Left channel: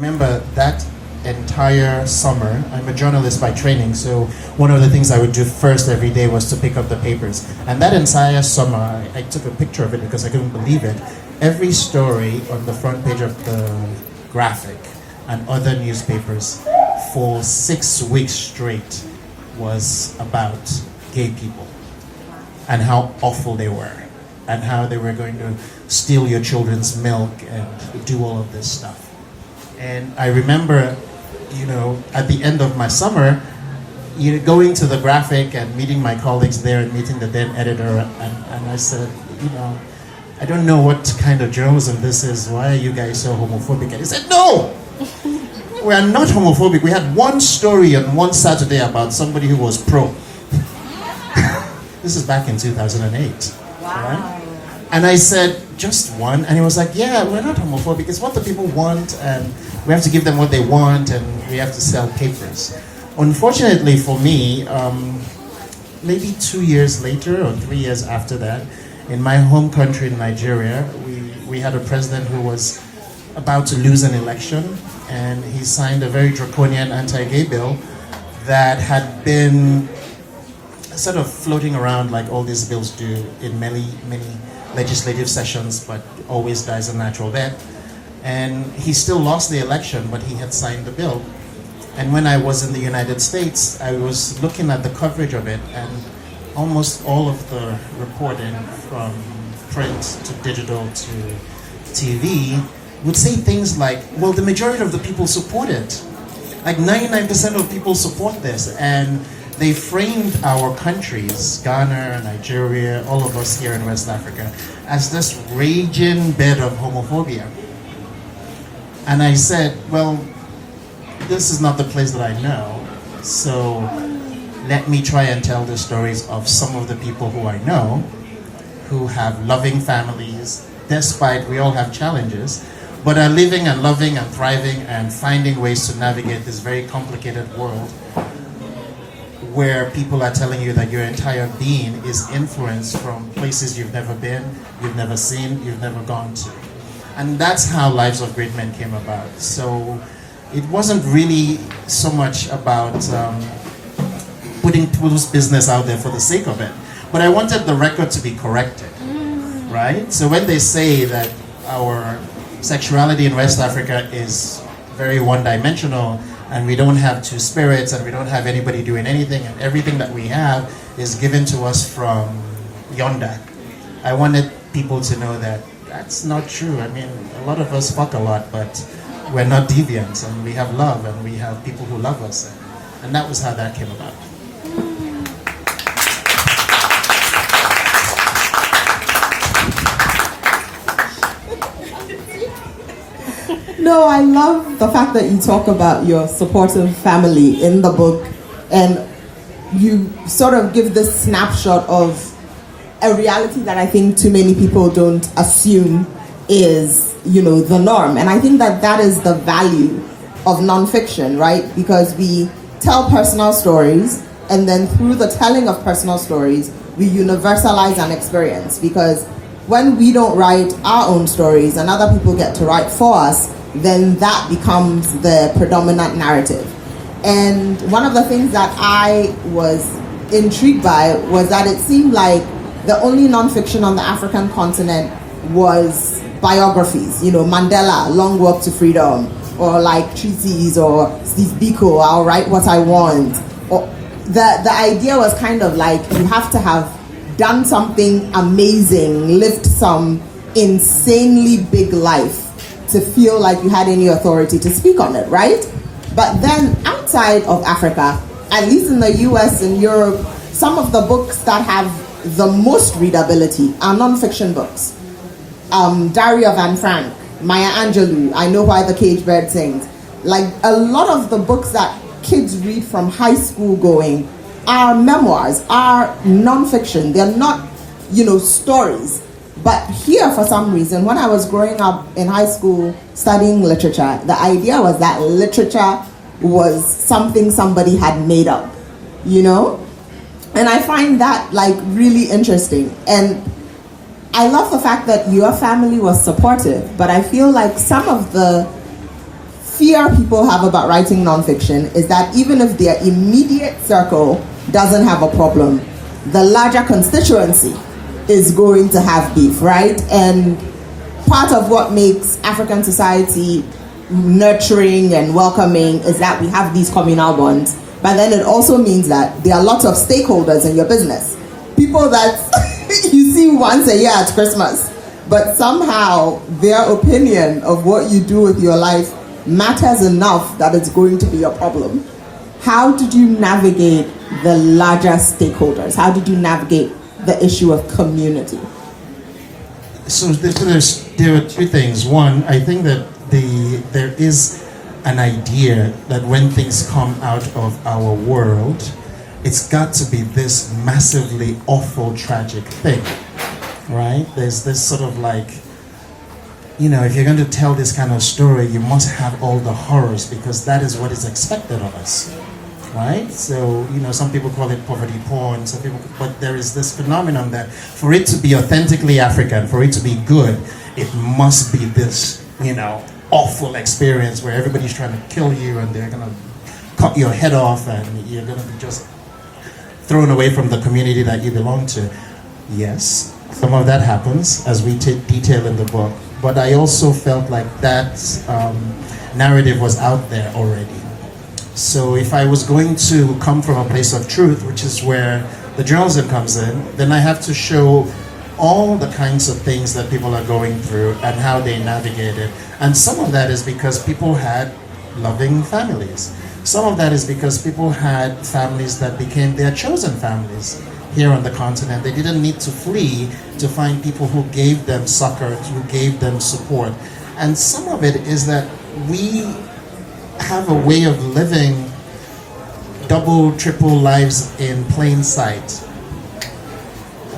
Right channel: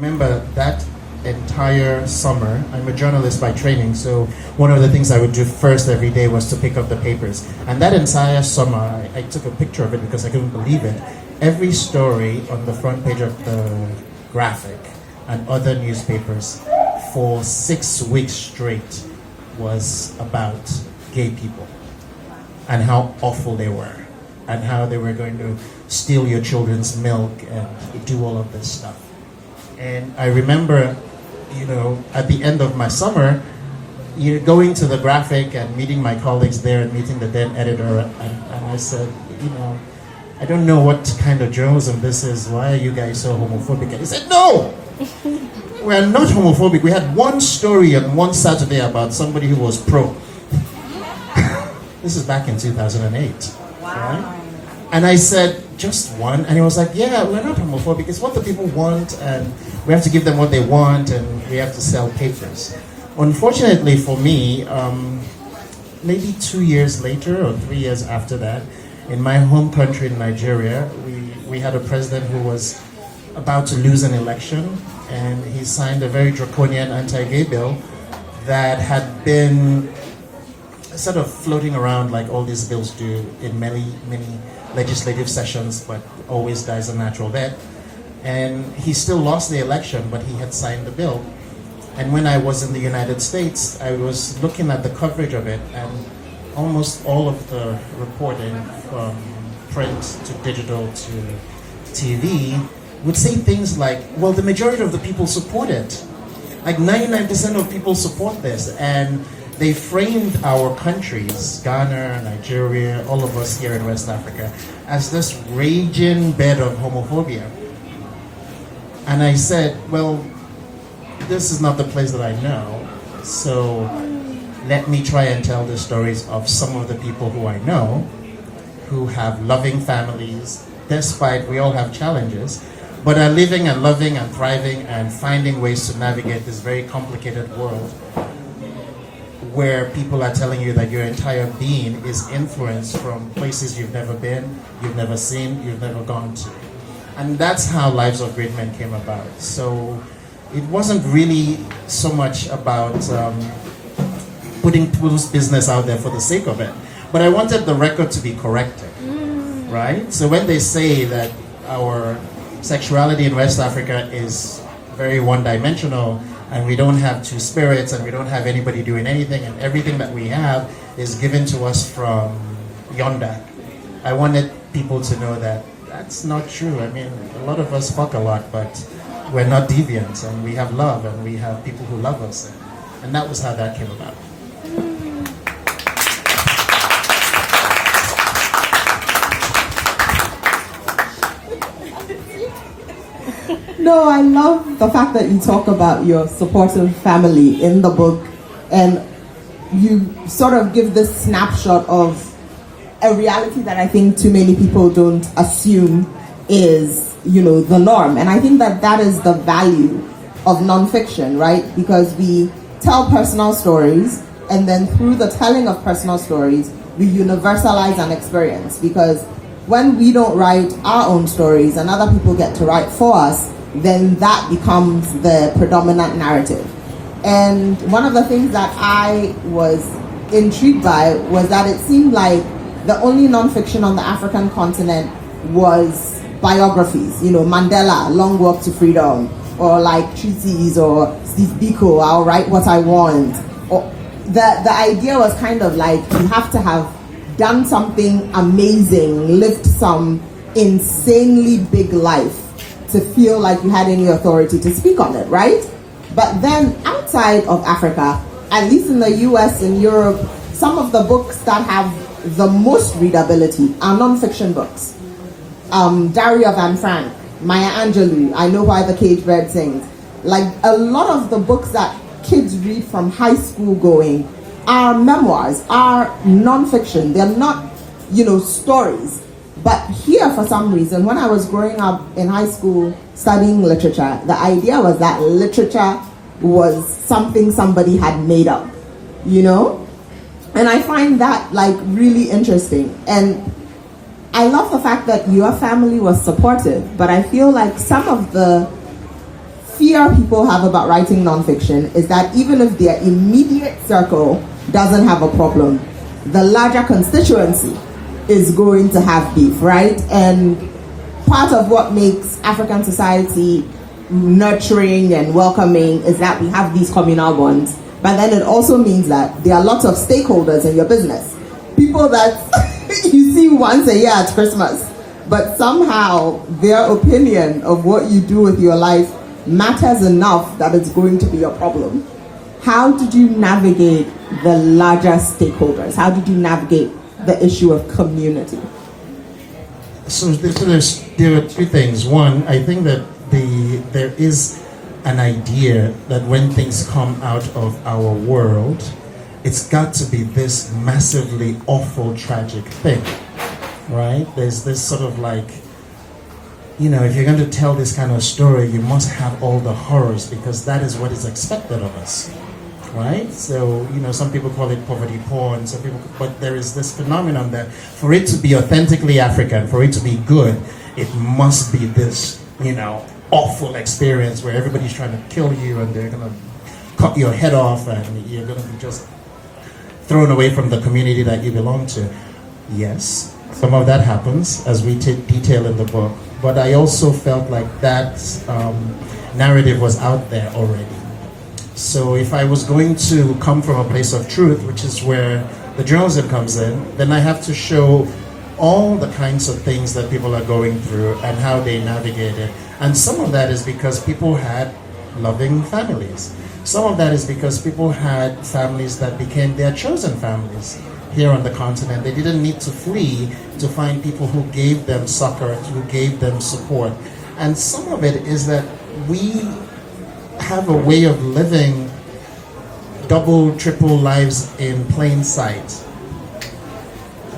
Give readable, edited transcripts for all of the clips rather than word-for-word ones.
Remember that entire summer, I'm a journalist by training, so one of the things I would do first every day was to pick up the papers. And that entire summer, I took a picture of it because I couldn't believe it. Every story on the front page of the Graphic and other newspapers for 6 weeks straight was about gay people and how awful they were and how they were going to steal your children's milk and do all of this stuff. And I remember, at the end of my summer, going to the Graphic and meeting my colleagues there and meeting the then editor, and I said, I don't know what kind of journalism this is. Why are you guys so homophobic? And he said, no! We're not homophobic. We had one story on one Saturday about somebody who was pro. This is back in 2008. Wow. Right? And I said, just one? And he was like, yeah, we're not homophobic. It's what the people want, and we have to give them what they want, and we have to sell papers. Unfortunately for me, maybe 2 years later or 3 years after that, in my home country in Nigeria, we had a president who was about to lose an election, and he signed a very draconian anti-gay bill that had been sort of floating around like all these bills do in many legislative sessions, but always dies a natural death. And he still lost the election, but he had signed the bill. And when I was in the United States, I was looking at the coverage of it, and almost all of the reporting from print to digital to TV would say things like, well, the majority of the people support it. Like 99% of people support this. And they framed our countries, Ghana, Nigeria, all of us here in West Africa, as this raging bed of homophobia. And I said, well, this is not the place that I know, so let me try and tell the stories of some of the people who I know, who have loving families, despite we all have challenges, but are living and loving and thriving and finding ways to navigate this very complicated world where people are telling you that your entire being is influenced from places you've never been, you've never seen, you've never gone to. And that's how Lives of Great Men came about. So it wasn't really so much about putting people's business out there for the sake of it, but I wanted the record to be corrected, right? So when they say that our sexuality in West Africa is very one-dimensional, and we don't have two spirits, and we don't have anybody doing anything, and everything that we have is given to us from yonder. I wanted people to know that that's not true. I mean, a lot of us fuck a lot, but we're not deviants, and we have love, and we have people who love us, and that was how that came about. No, I love the fact that you talk about your supportive family in the book, and you sort of give this snapshot of a reality that I think too many people don't assume is, the norm. And I think that that is the value of nonfiction, right? Because we tell personal stories, and then through the telling of personal stories, we universalize an experience. Because when we don't write our own stories and other people get to write for us, then that becomes the predominant narrative. And one of the things that I was intrigued by was that it seemed like the only nonfiction on the African continent was biographies. Mandela, Long Walk to Freedom, or like treaties, or Steve Biko, I'll write what I want. Or the idea was kind of like you have to have done something amazing, lived some insanely big life to feel like you had any authority to speak on it, right? But then outside of Africa, at least in the US and Europe, some of the books that have the most readability are nonfiction books. Diary of Anne Frank, Maya Angelou, I Know Why the Caged Bird Sings. Like a lot of the books that kids read from high school going are memoirs, are nonfiction. They're not, stories. But here, for some reason, when I was growing up in high school studying literature, the idea was that literature was something somebody had made up, And I find that really interesting. And I love the fact that your family was supportive, but I feel like some of the fear people have about writing nonfiction is that even if their immediate circle doesn't have a problem, the larger constituency is going to have beef, right? And part of what makes African society nurturing and welcoming is that we have these communal bonds. But then it also means that there are lots of stakeholders in your business. People that you see once a year at Christmas, but somehow their opinion of what you do with your life matters enough that it's going to be a problem. How did you navigate the larger stakeholders? How did you navigate the issue of community? So there are two things. One, I think that there is an idea that when things come out of our world, it's got to be this massively awful, tragic thing, right? There's this sort of like, if you're going to tell this kind of story, you must have all the horrors because that is what is expected of us, right? So, some people call it poverty porn, but there is this phenomenon that for it to be authentically African, for it to be good, it must be this, awful experience where everybody's trying to kill you and they're going to cut your head off and you're going to be just thrown away from the community that you belong to. Yes, some of that happens as we take detail in the book, but I also felt like that narrative was out there already. So if I was going to come from a place of truth, which is where the journalism comes in, then I have to show all the kinds of things that people are going through and how they navigate it. And some of that is because people had loving families. Some of that is because people had families that became their chosen families here on the continent. They didn't need to flee to find people who gave them succor, who gave them support. And some of it is that we have a way of living double, triple lives in plain sight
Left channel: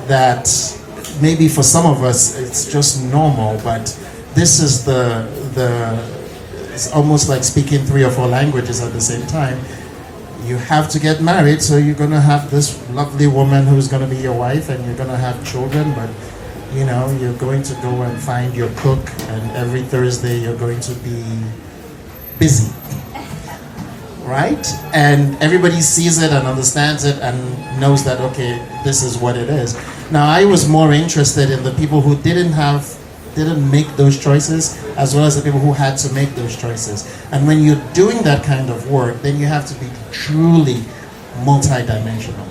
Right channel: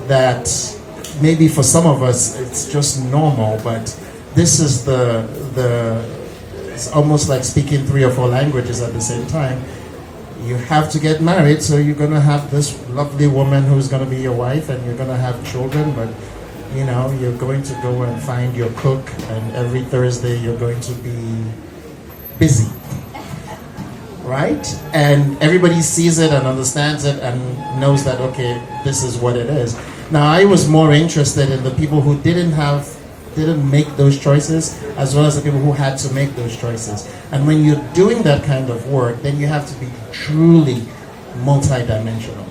that maybe for some of us it's just normal, but this is it's almost like speaking 3 or 4 languages at the same time. You have to get married, so you're going to have this lovely woman who's going to be your wife and you're going to have children, but you're going to go and find your cook and every Thursday you're going to be busy, right? And everybody sees it and understands it and knows that, okay, this is what it is. Now, I was more interested in the people who didn't make those choices, as well as the people who had to make those choices. And when you're doing that kind of work, then you have to be truly multidimensional,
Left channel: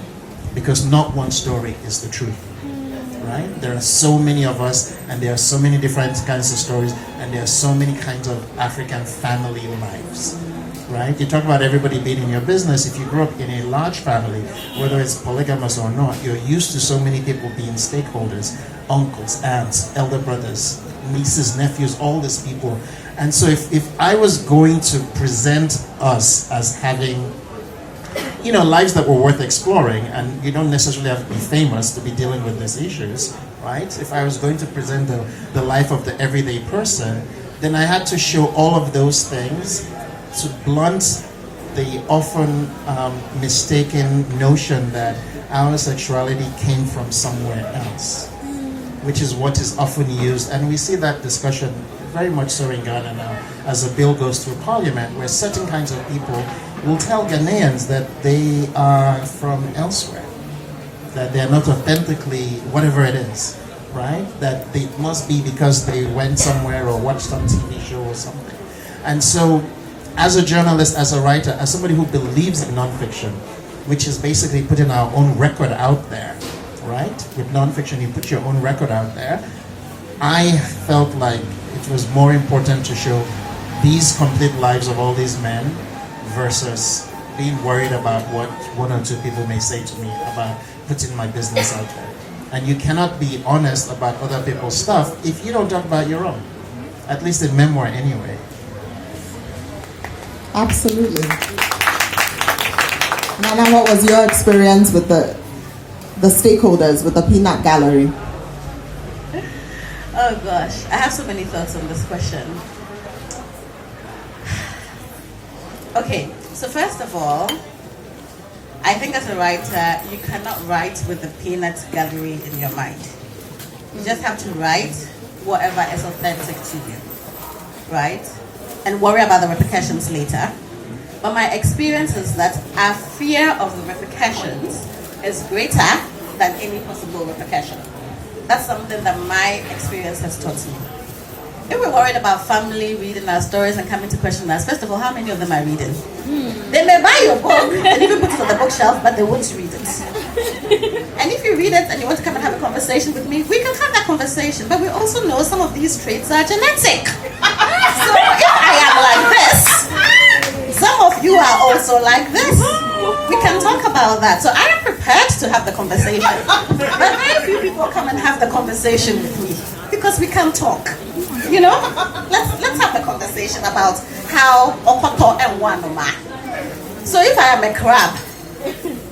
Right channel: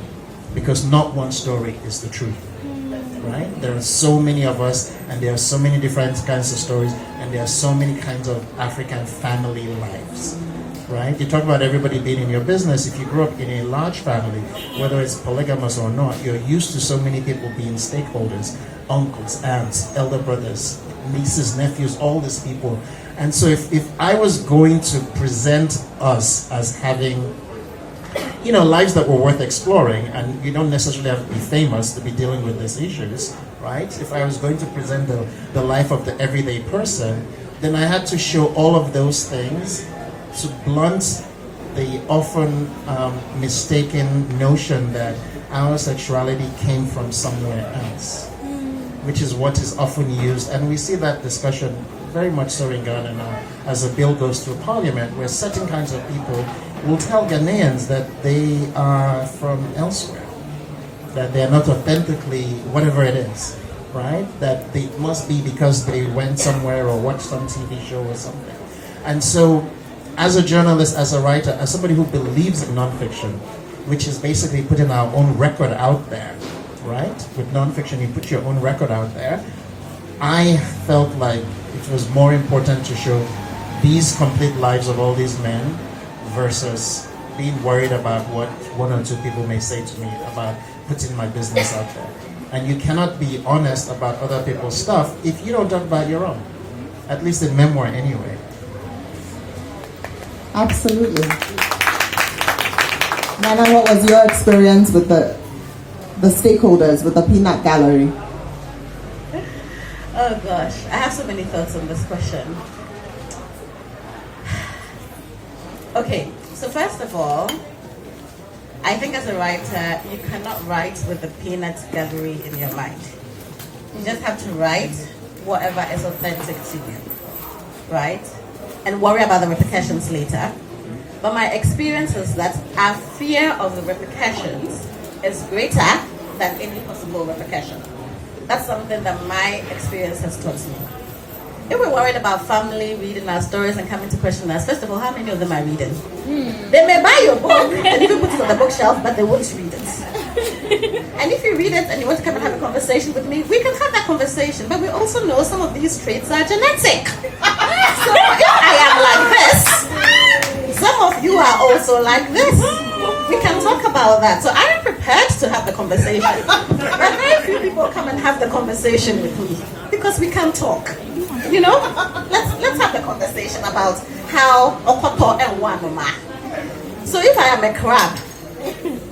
because not one story is the truth, right? There are so many of us, and there are so many different kinds of stories, and there are so many kinds of African family lives, right? You talk about everybody being in your business. If you grew up in a large family, whether it's polygamous or not, you're used to so many people being stakeholders, uncles, aunts, elder brothers, nieces, nephews, all these people. And so if I was going to present us as having, lives that were worth exploring, and you don't necessarily have to be famous to be dealing with these issues, right? If I was going to present the life of the everyday person, then I had to show all of those things to blunt the often mistaken notion that our sexuality came from somewhere else, which is what is often used. And we see that discussion very much so in Ghana now as a bill goes through parliament, where certain kinds of people will tell Ghanaians that they are from elsewhere, that they're not authentically whatever it is, right? That it must be because they went somewhere or watched some TV show or something. And so as a journalist, as a writer, as somebody who believes in nonfiction, which is basically putting our own record out there, right? With nonfiction, you put your own record out there. I felt like it was more important to show these complete lives of all these men versus being worried about what 1 or 2 people may say to me about putting my business out there. And you cannot be honest about other people's stuff if you don't talk about your own, at least in memoir anyway. Absolutely. Nana, what was your experience with the stakeholders, with the peanut gallery? Oh gosh, I have so many thoughts on this question. Okay, so first of all, I think as a writer, you cannot write with the peanut gallery in your mind. You just have to write whatever is authentic to you, right? and worry about the repercussions later. But my experience is that our fear of the repercussions is greater than any possible repercussion. That's something that my experience has taught me. If we're worried about family reading our stories and coming to question us, first of all, how many of them are reading? They may buy your book and even put it on the bookshelf, but they won't read it. And if you read it and you want to come and have a conversation with me, we can have that conversation. But we also know some of these traits are genetic. So if I am like this, some of you are also like this. We can talk about that. So I am prepared to have the conversation. But very few people come and have the conversation with me because we can talk. You know, let's have the conversation about how okoto and wanoma. So if I am a crab,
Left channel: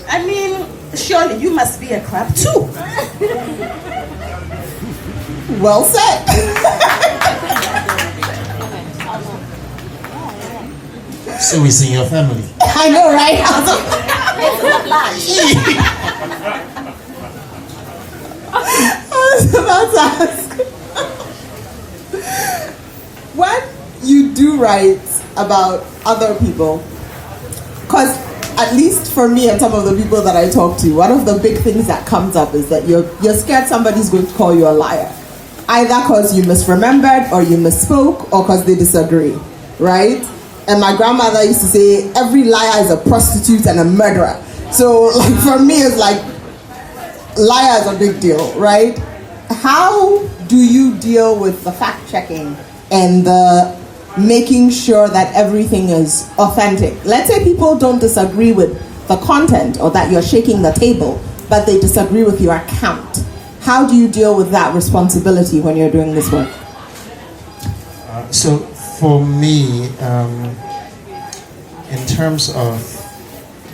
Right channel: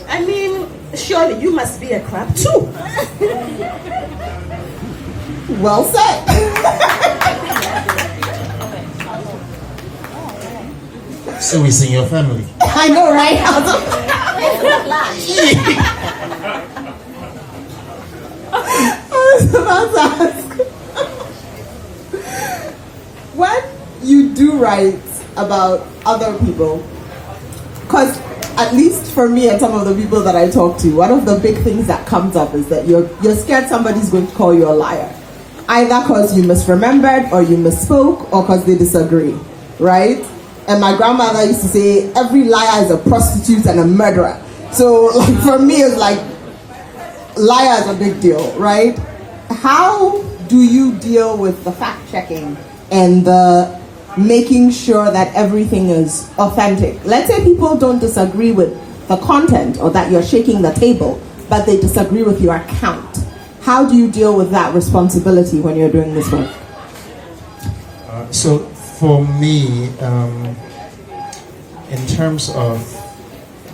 I mean, surely you must be a crab too. Well said. So it's in your family. I know, right? I was about to ask. When you do write about other people, because at least for me and some of the people that I talk to, one of the big things that comes up is that you're scared somebody's going to call you a liar. Either because you misremembered or you misspoke or because they disagree, right? And my grandmother used to say, every liar is a prostitute and a murderer. So like, for me, it's like, liar is a big deal, right? How do you deal with the fact-checking and the making sure that everything is authentic? Let's say people don't disagree with the content or that you're shaking the table, but they disagree with your account. How do you deal with that responsibility when you're doing this work? So for me, in terms of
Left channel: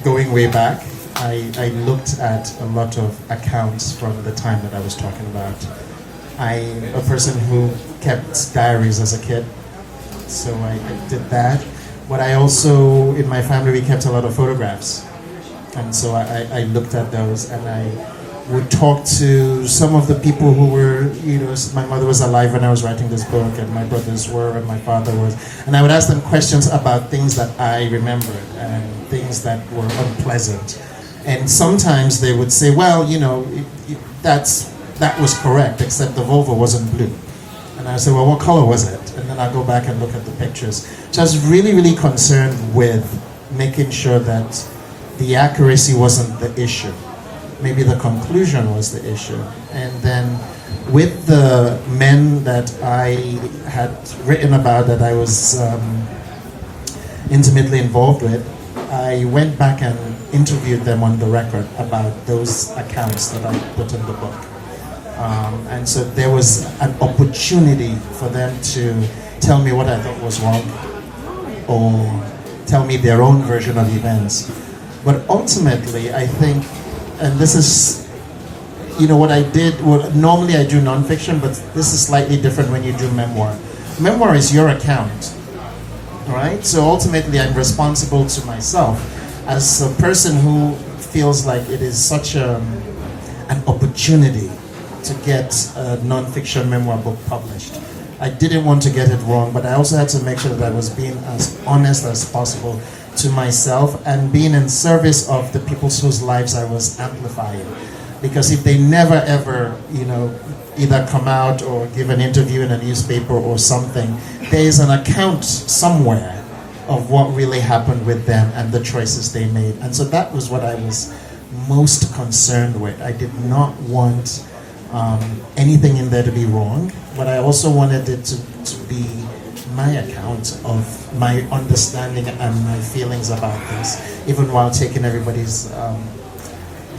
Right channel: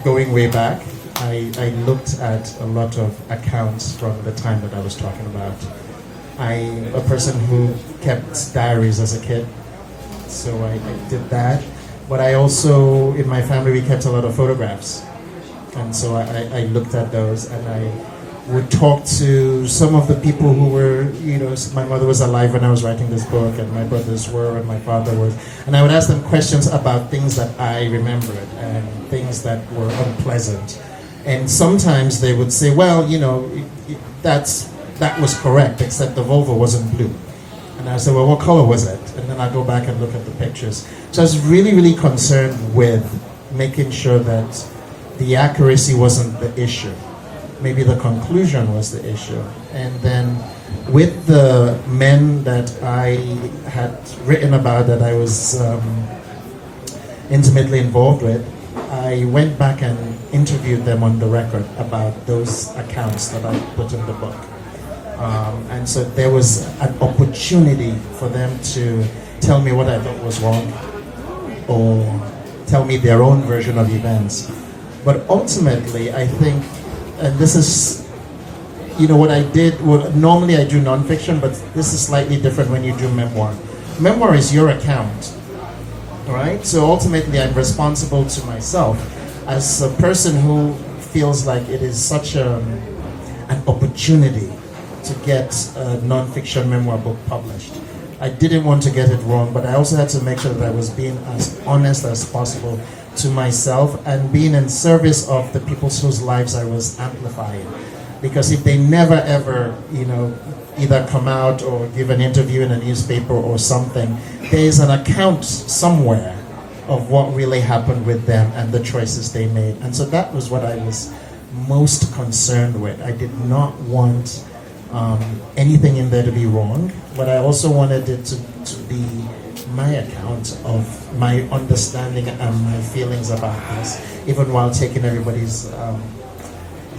going way back, I looked at a lot of accounts from the time that I was talking about. I'm a person who kept diaries as a kid, so I did that. But I also, in my family, we kept a lot of photographs. And so I looked at those, and I would talk to some of the people who were, you know, my mother was alive when I was writing this book, and my brothers were, and my father was. And I would ask them questions about things that I remembered and things that were unpleasant. And sometimes they would say, well, you know, that was correct, except the vulva wasn't blue. And I say, well, what color was it? And then I go back and look at the pictures. So I was really, really concerned with making sure that the accuracy wasn't the issue. Maybe the conclusion was the issue. And then with the men that I had written about, that I was intimately involved with, I went back and interviewed them on the record about those accounts that I put in the book. And so there was an opportunity for them to tell me what I thought was wrong or tell me their own version of events. But ultimately, I think, and this is, you know, what I did, well, normally I do nonfiction, but this is slightly different when you do memoir. Memoir is your account, right? So ultimately, I'm responsible to myself as a person who feels like it is such an opportunity to get a nonfiction memoir book published. I didn't want to get it wrong, but I also had to make sure that I was being as honest as possible to myself and being in service of the people whose lives I was amplifying. Because if they never ever, you know, either come out or give an interview in a newspaper or something, there is an account somewhere of what really happened with them and the choices they made. And so that was what I was most concerned with. I did not want anything in there to be wrong, but I also wanted it to be my account of my understanding and my feelings about this, even while taking everybody's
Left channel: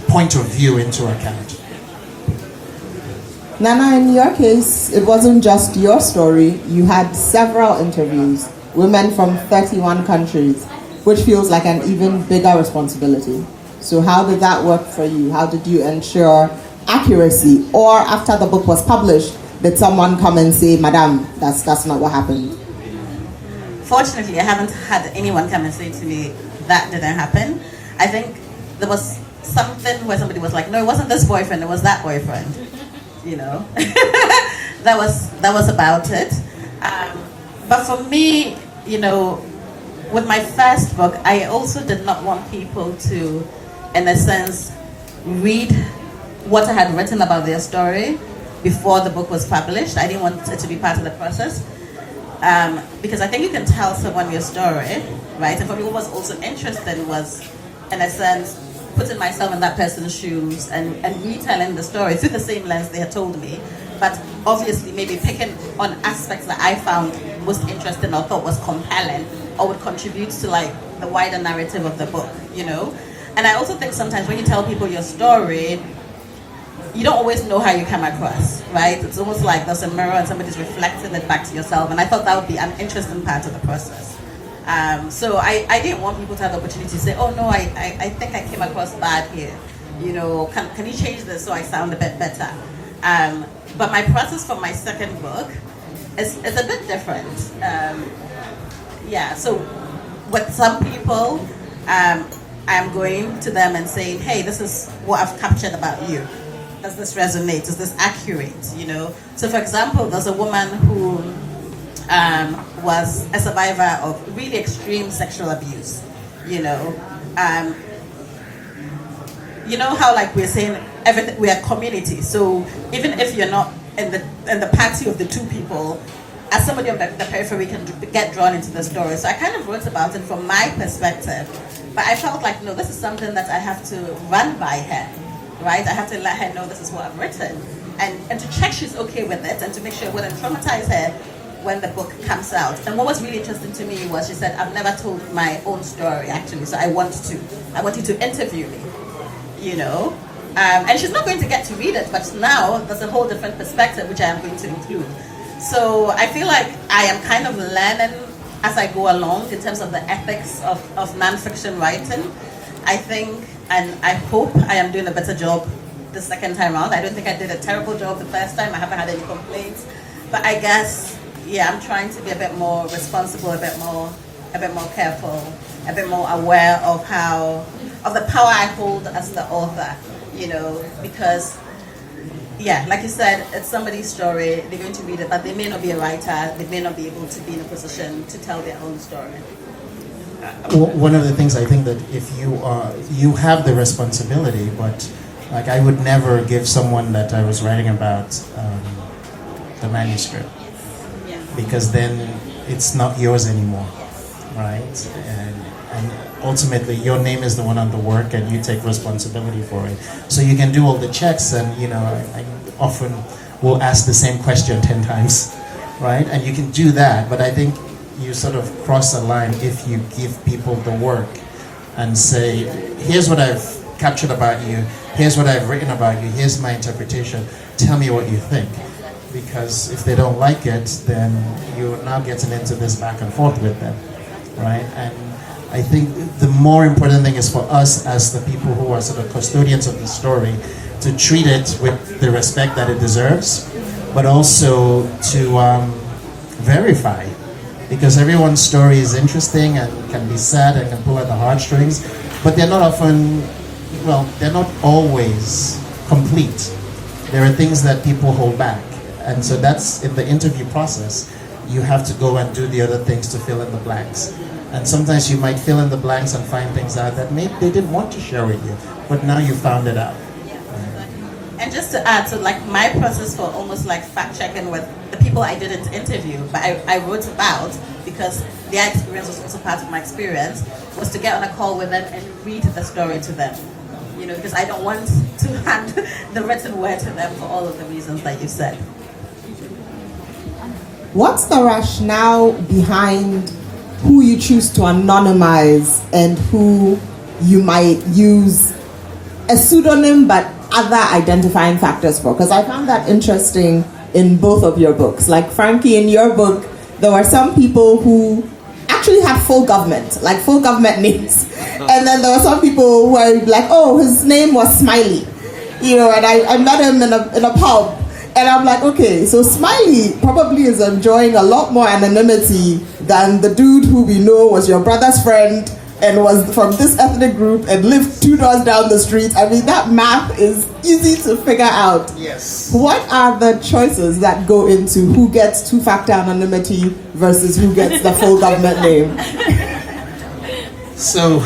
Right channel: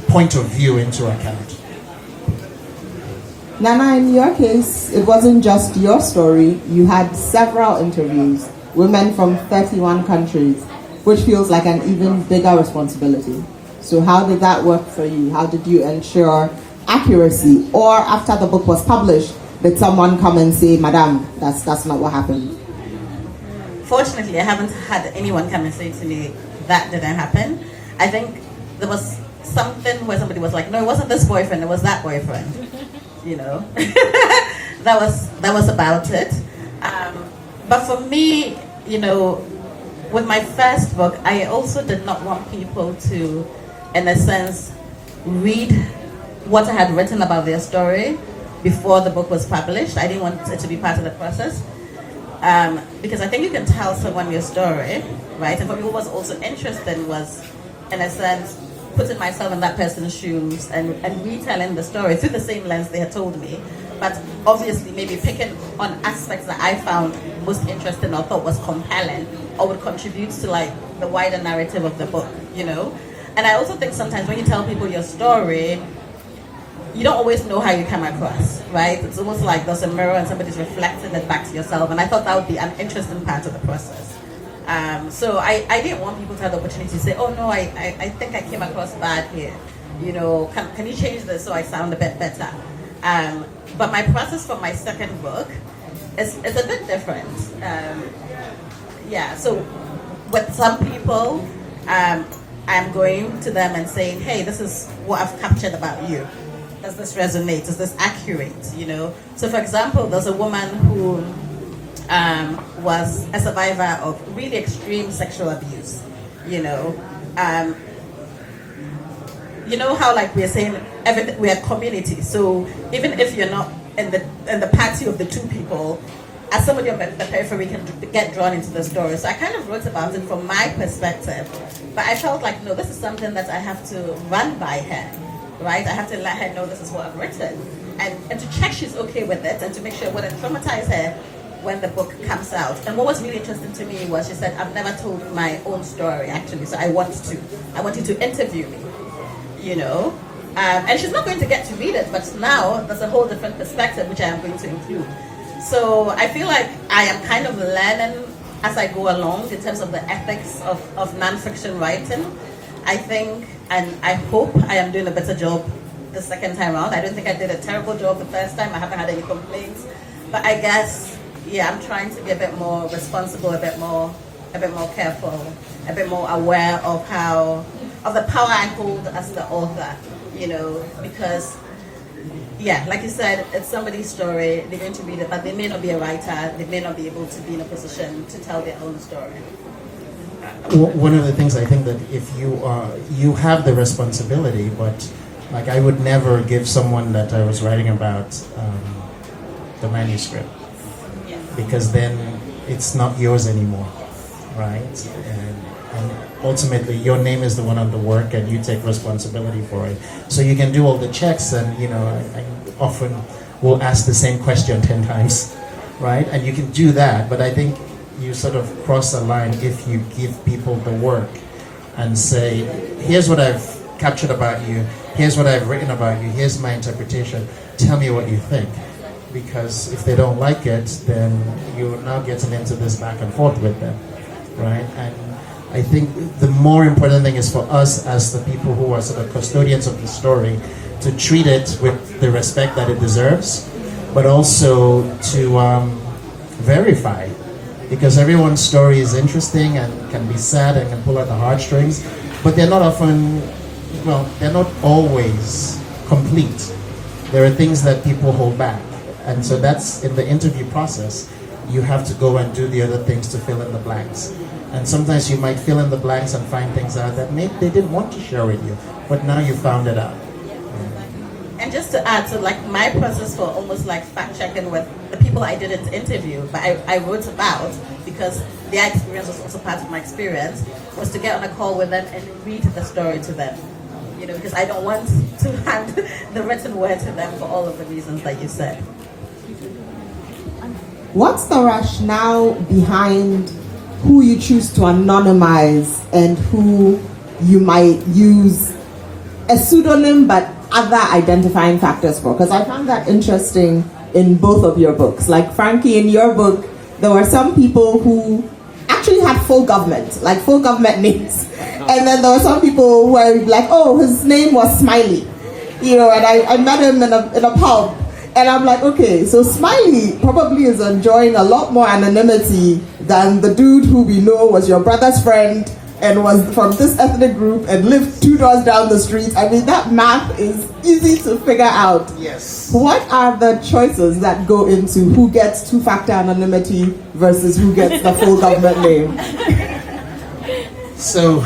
point of view into account. Nana, in your case, it wasn't just your story. You had several interviews, women from 31 countries, which feels like an even bigger responsibility. So how did that work for you? How did you ensure accuracy? Or after the book was published, did someone come and say, Madam, that's not what happened? Fortunately, I haven't had anyone come and say to me, that didn't happen. I think there was something where somebody was like, no, it wasn't this boyfriend, it was that boyfriend. You know, that was about it. But for me, you know, with my first book, I also did not want people to, in a sense, read what I had written about their story before the book was published. I didn't want it to be part of the process. Because I think you can tell someone your story, right? And for me, what was also interesting was, in a sense, putting myself in that person's shoes and retelling the story through the same lens they had told me, but obviously maybe picking on aspects that I found most interesting or thought was compelling or would contribute to like the wider narrative of the book, you know? And I also think sometimes when you tell people your story, you don't always know how you come across, right? It's almost like there's a mirror and somebody's reflecting it back to yourself. And I thought that would be an interesting part of the process. So I didn't want people to have the opportunity to say, oh no, I think I came across bad here. You know, can you change this so I sound a bit better? But my process for my second book is a bit different. So with some people, I'm going to them and saying, hey, this is what I've captured about you. Does this resonate? Is this accurate? You know. So, for example, there's a woman who was a survivor of really extreme sexual abuse. You know how like we're saying everything, we are community. So even if you're not in the party of the two people, as somebody on the periphery can get drawn into the story. So I kind of wrote about it from my perspective, but I felt like no, this is something that I have to run by her. Right, I have to let her know this is what I've written, and to check she's okay with it, and to make sure it wouldn't traumatize her when the book comes out. And what was really interesting to me was she said, "I've never told my own story actually, so I want you to interview me." You know, and she's not going to get to read it, but now there's a whole different perspective which I am going to include. So I feel like I am kind of learning as I go along in terms of the ethics of nonfiction writing. I think, and I hope I am doing a better job the second time around. I don't think I did a terrible job the first time. I haven't had any complaints. But I guess, yeah, I'm trying to be a bit more responsible, a bit more careful, a bit more aware of the power I hold as the author, you know, because, yeah, like you said, it's somebody's story. They're going to read it, but they may not be a writer. They may not be able to be in a position to tell their own story. One of the things I think that if you have the responsibility, but like I would never give someone that I was writing about the manuscript, because then it's not yours anymore, right? And ultimately your name is the one on the work and you take responsibility for it. So you can do all the checks, and you know, I often will ask the same question 10 times, right? And you can do that, but I think you sort of cross a line if you give people the work and say, here's what I've captured about you, here's what I've written about you, here's my interpretation, tell me what you think. Because if they don't like it, then you're now getting into this back and forth with them, right? And I think the more important thing is for us as the people who are sort of custodians of the story to treat it with the respect that it deserves, but also to verify. Because everyone's story is interesting and can be sad and can pull at the heartstrings, but they're not always complete. There are things that people hold back. And so that's in the interview process. You have to go and do the other things to fill in the blanks. And sometimes you might fill in the blanks and find things out that maybe they didn't want to share with you, but now you found it out. And just to add, so like my process for almost like fact checking with the people I didn't interview, but I wrote about, because their experience was also part of my experience, was to get on a call with them and read the story to them. You know, because I don't want to hand the written word to them for all of the reasons that you said. What's the rationale behind who you choose to anonymize and who you might use a pseudonym but other identifying factors for? Because I found that interesting in both of your books. Like Frankie, in your book, there were some people who actually had full government names. And then there were some people who were like, oh, his name was Smiley. You know, and I met him in a pub. And I'm like, okay, so Smiley probably is enjoying a lot more anonymity than the dude who we know was your brother's friend and was from this ethnic group and lived 2 doors down the street. I mean, that math is easy to figure out. Yes. What are the choices that go into who gets two-factor anonymity versus who gets the full government name? So,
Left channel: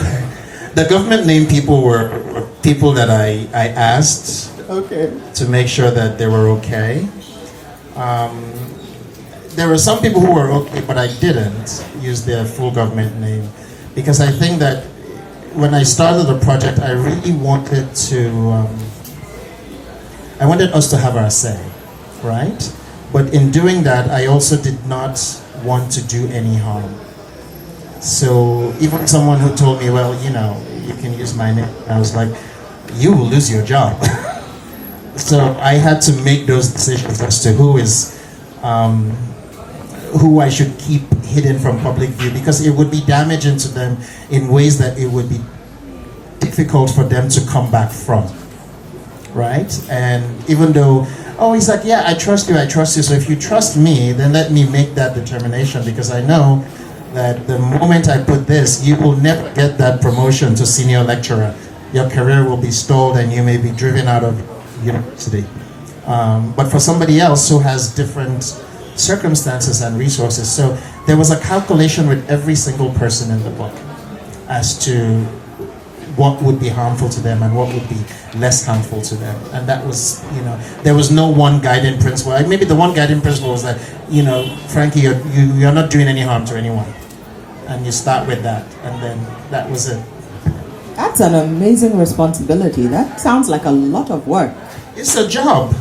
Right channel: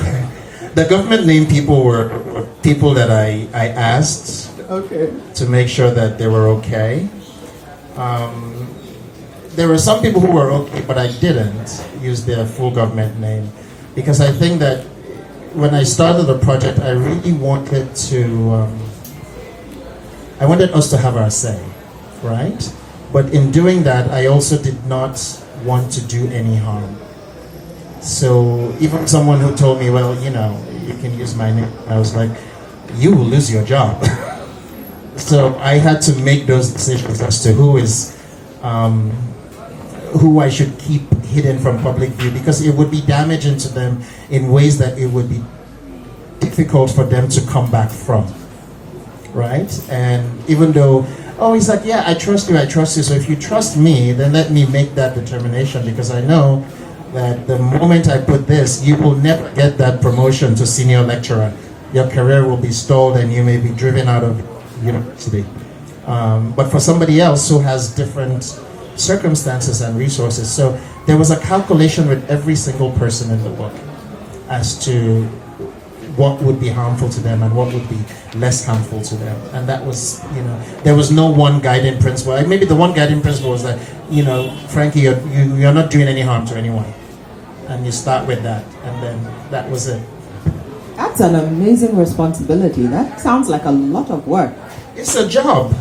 the government name people were people that I asked to make sure that they were okay. There were some people who were okay, but I didn't use their full government name because I think that when I started the project, I really wanted to. I wanted us to have our say, right? But in doing that, I also did not want to do any harm. So even someone who told me, well, you can use my name, I was like, you will lose your job. So I had to make those decisions as to who I should keep hidden from public view, because it would be damaging to them in ways that it would be difficult for them to come back from, right? And even though, he's like, yeah, I trust you, so if you trust me, then let me make that determination, because I know that the moment I put this, you will never get that promotion to senior lecturer. Your career will be stalled and you may be driven out of university. But for somebody else who has different circumstances and resources, so there was a calculation with every single person in the book as to what would be harmful to them and what would be less harmful to them. And that was, there was no one guiding principle. Maybe the one guiding principle was that, Frankie, you're not doing any harm to anyone. And you start with that, and then that was it. That's an amazing responsibility. That sounds like a lot of work. It's a job.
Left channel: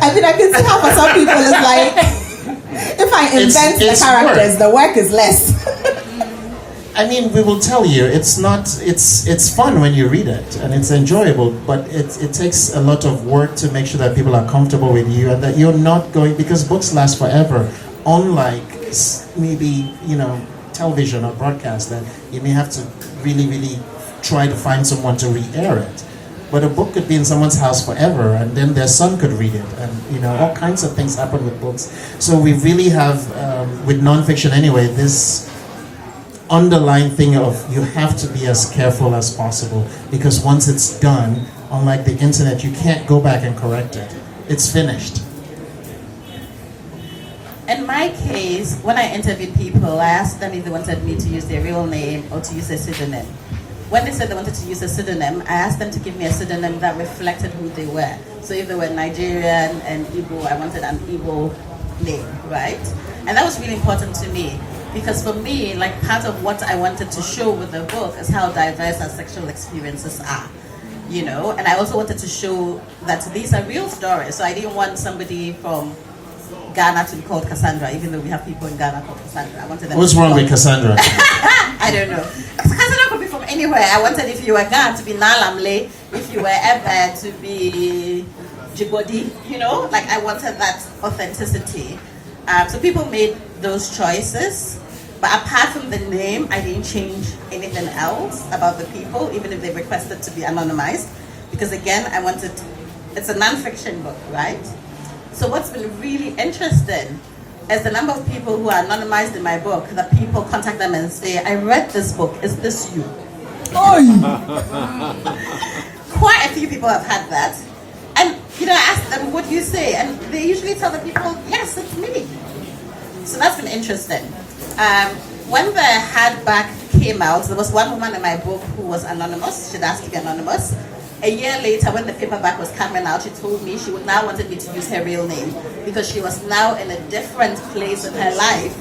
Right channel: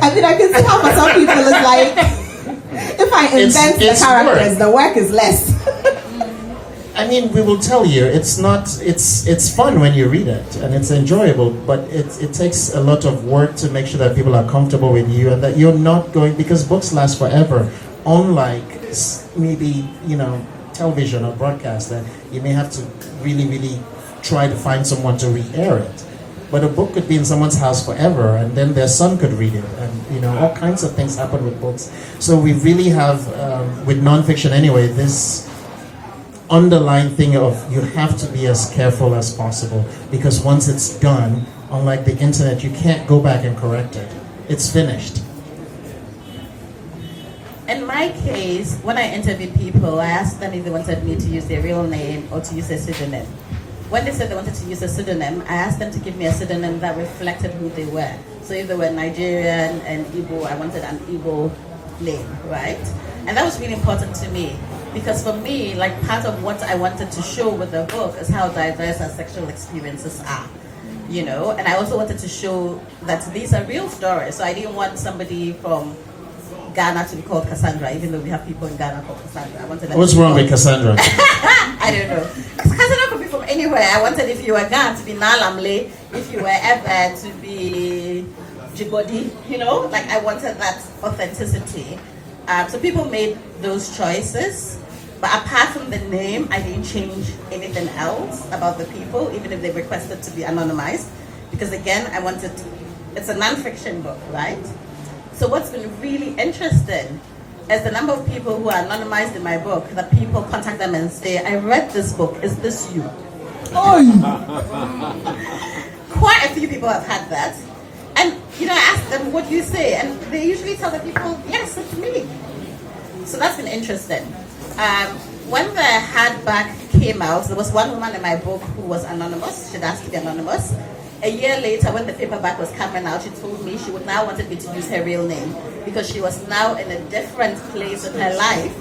I mean, I can see how for some people it's like, if I invent the characters, the work is less. I mean, we will tell you, it's fun when you read it, and it's enjoyable, but it takes a lot of work to make sure that people are comfortable with you, and that you're not going, because books last forever, unlike maybe, television or broadcast, that you may have to really, really try to find someone to re-air it. But a book could be in someone's house forever, and then their son could read it, and all kinds of things happen with books. So we really have, with nonfiction anyway, this underlying thing of you have to be as careful as possible, because once it's done, unlike the internet, you can't go back and correct it. It's finished. In my case, when I interviewed people, I asked them if they wanted me to use their real name or to use a pseudonym. When they said they wanted to use a pseudonym, I asked them to give me a pseudonym that reflected who they were. So if they were Nigerian and Igbo, I wanted an Igbo name, right? And that was really important to me, because for me, like, part of what I wanted to show with the book is how diverse our sexual experiences are, and I also wanted to show that these are real stories. So I didn't want somebody from Ghana to be called Cassandra, even though we have people in Ghana called Cassandra. I wanted them. What's wrong with Cassandra? I don't know. Cassandra could be from anywhere. I wanted, if you were Ghana, to be Nalamle. If you were Ebe, to be Djibouti. I wanted that authenticity. So people made those choices. But apart from the name, I didn't change anything else about the people, even if they requested to be anonymized. Because again, it's a nonfiction book, right? So what's been really interesting is the number of people who are anonymized in my book, that people contact them and say, I read this book, is this you? Quite a few people have had that. And, I ask them, what do you say? And they usually tell the people, yes, it's me. So that's been interesting. When the hardback came out, there was one woman in my book who was anonymous. She'd asked to be anonymous. A year later, when the paperback was coming out, she told me she would now wanted me to use her real name, because she was now in a different place in her life,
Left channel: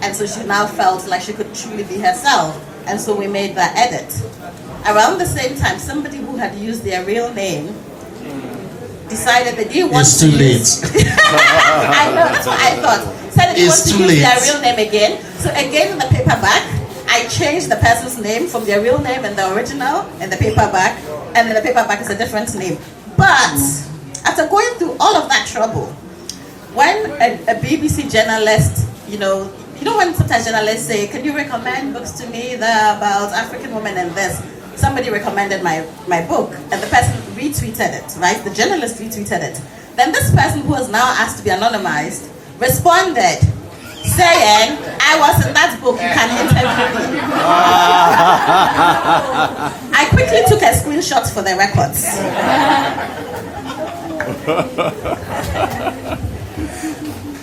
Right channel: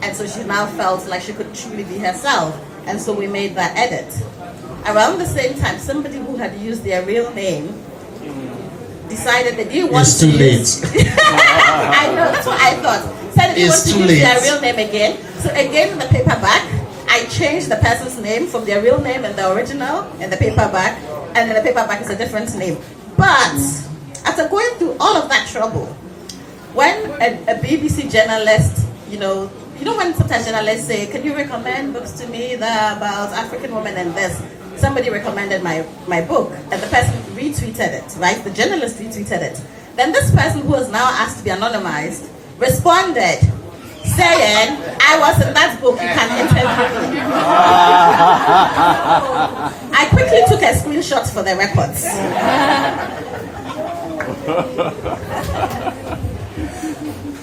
and so she now felt like she could truly be herself. And so we made that edit. Around the same time, somebody who had used their real name decided they didn't want to use... It's too late. I know, that's what I thought. Decided they want to use their real name again. So again, in the paperback, I changed the person's name from their real name in the original and the paperback, and then the paperback is a different name. But after going through all of that trouble, when a BBC journalist, when sometimes journalists say, can you recommend books to me that are about African women and this? Somebody recommended my book, and the person retweeted it, right? The journalist retweeted it. Then this person, who was now asked to be anonymized, responded saying, I was in that book, you can interview me. I quickly took a screenshot for the records.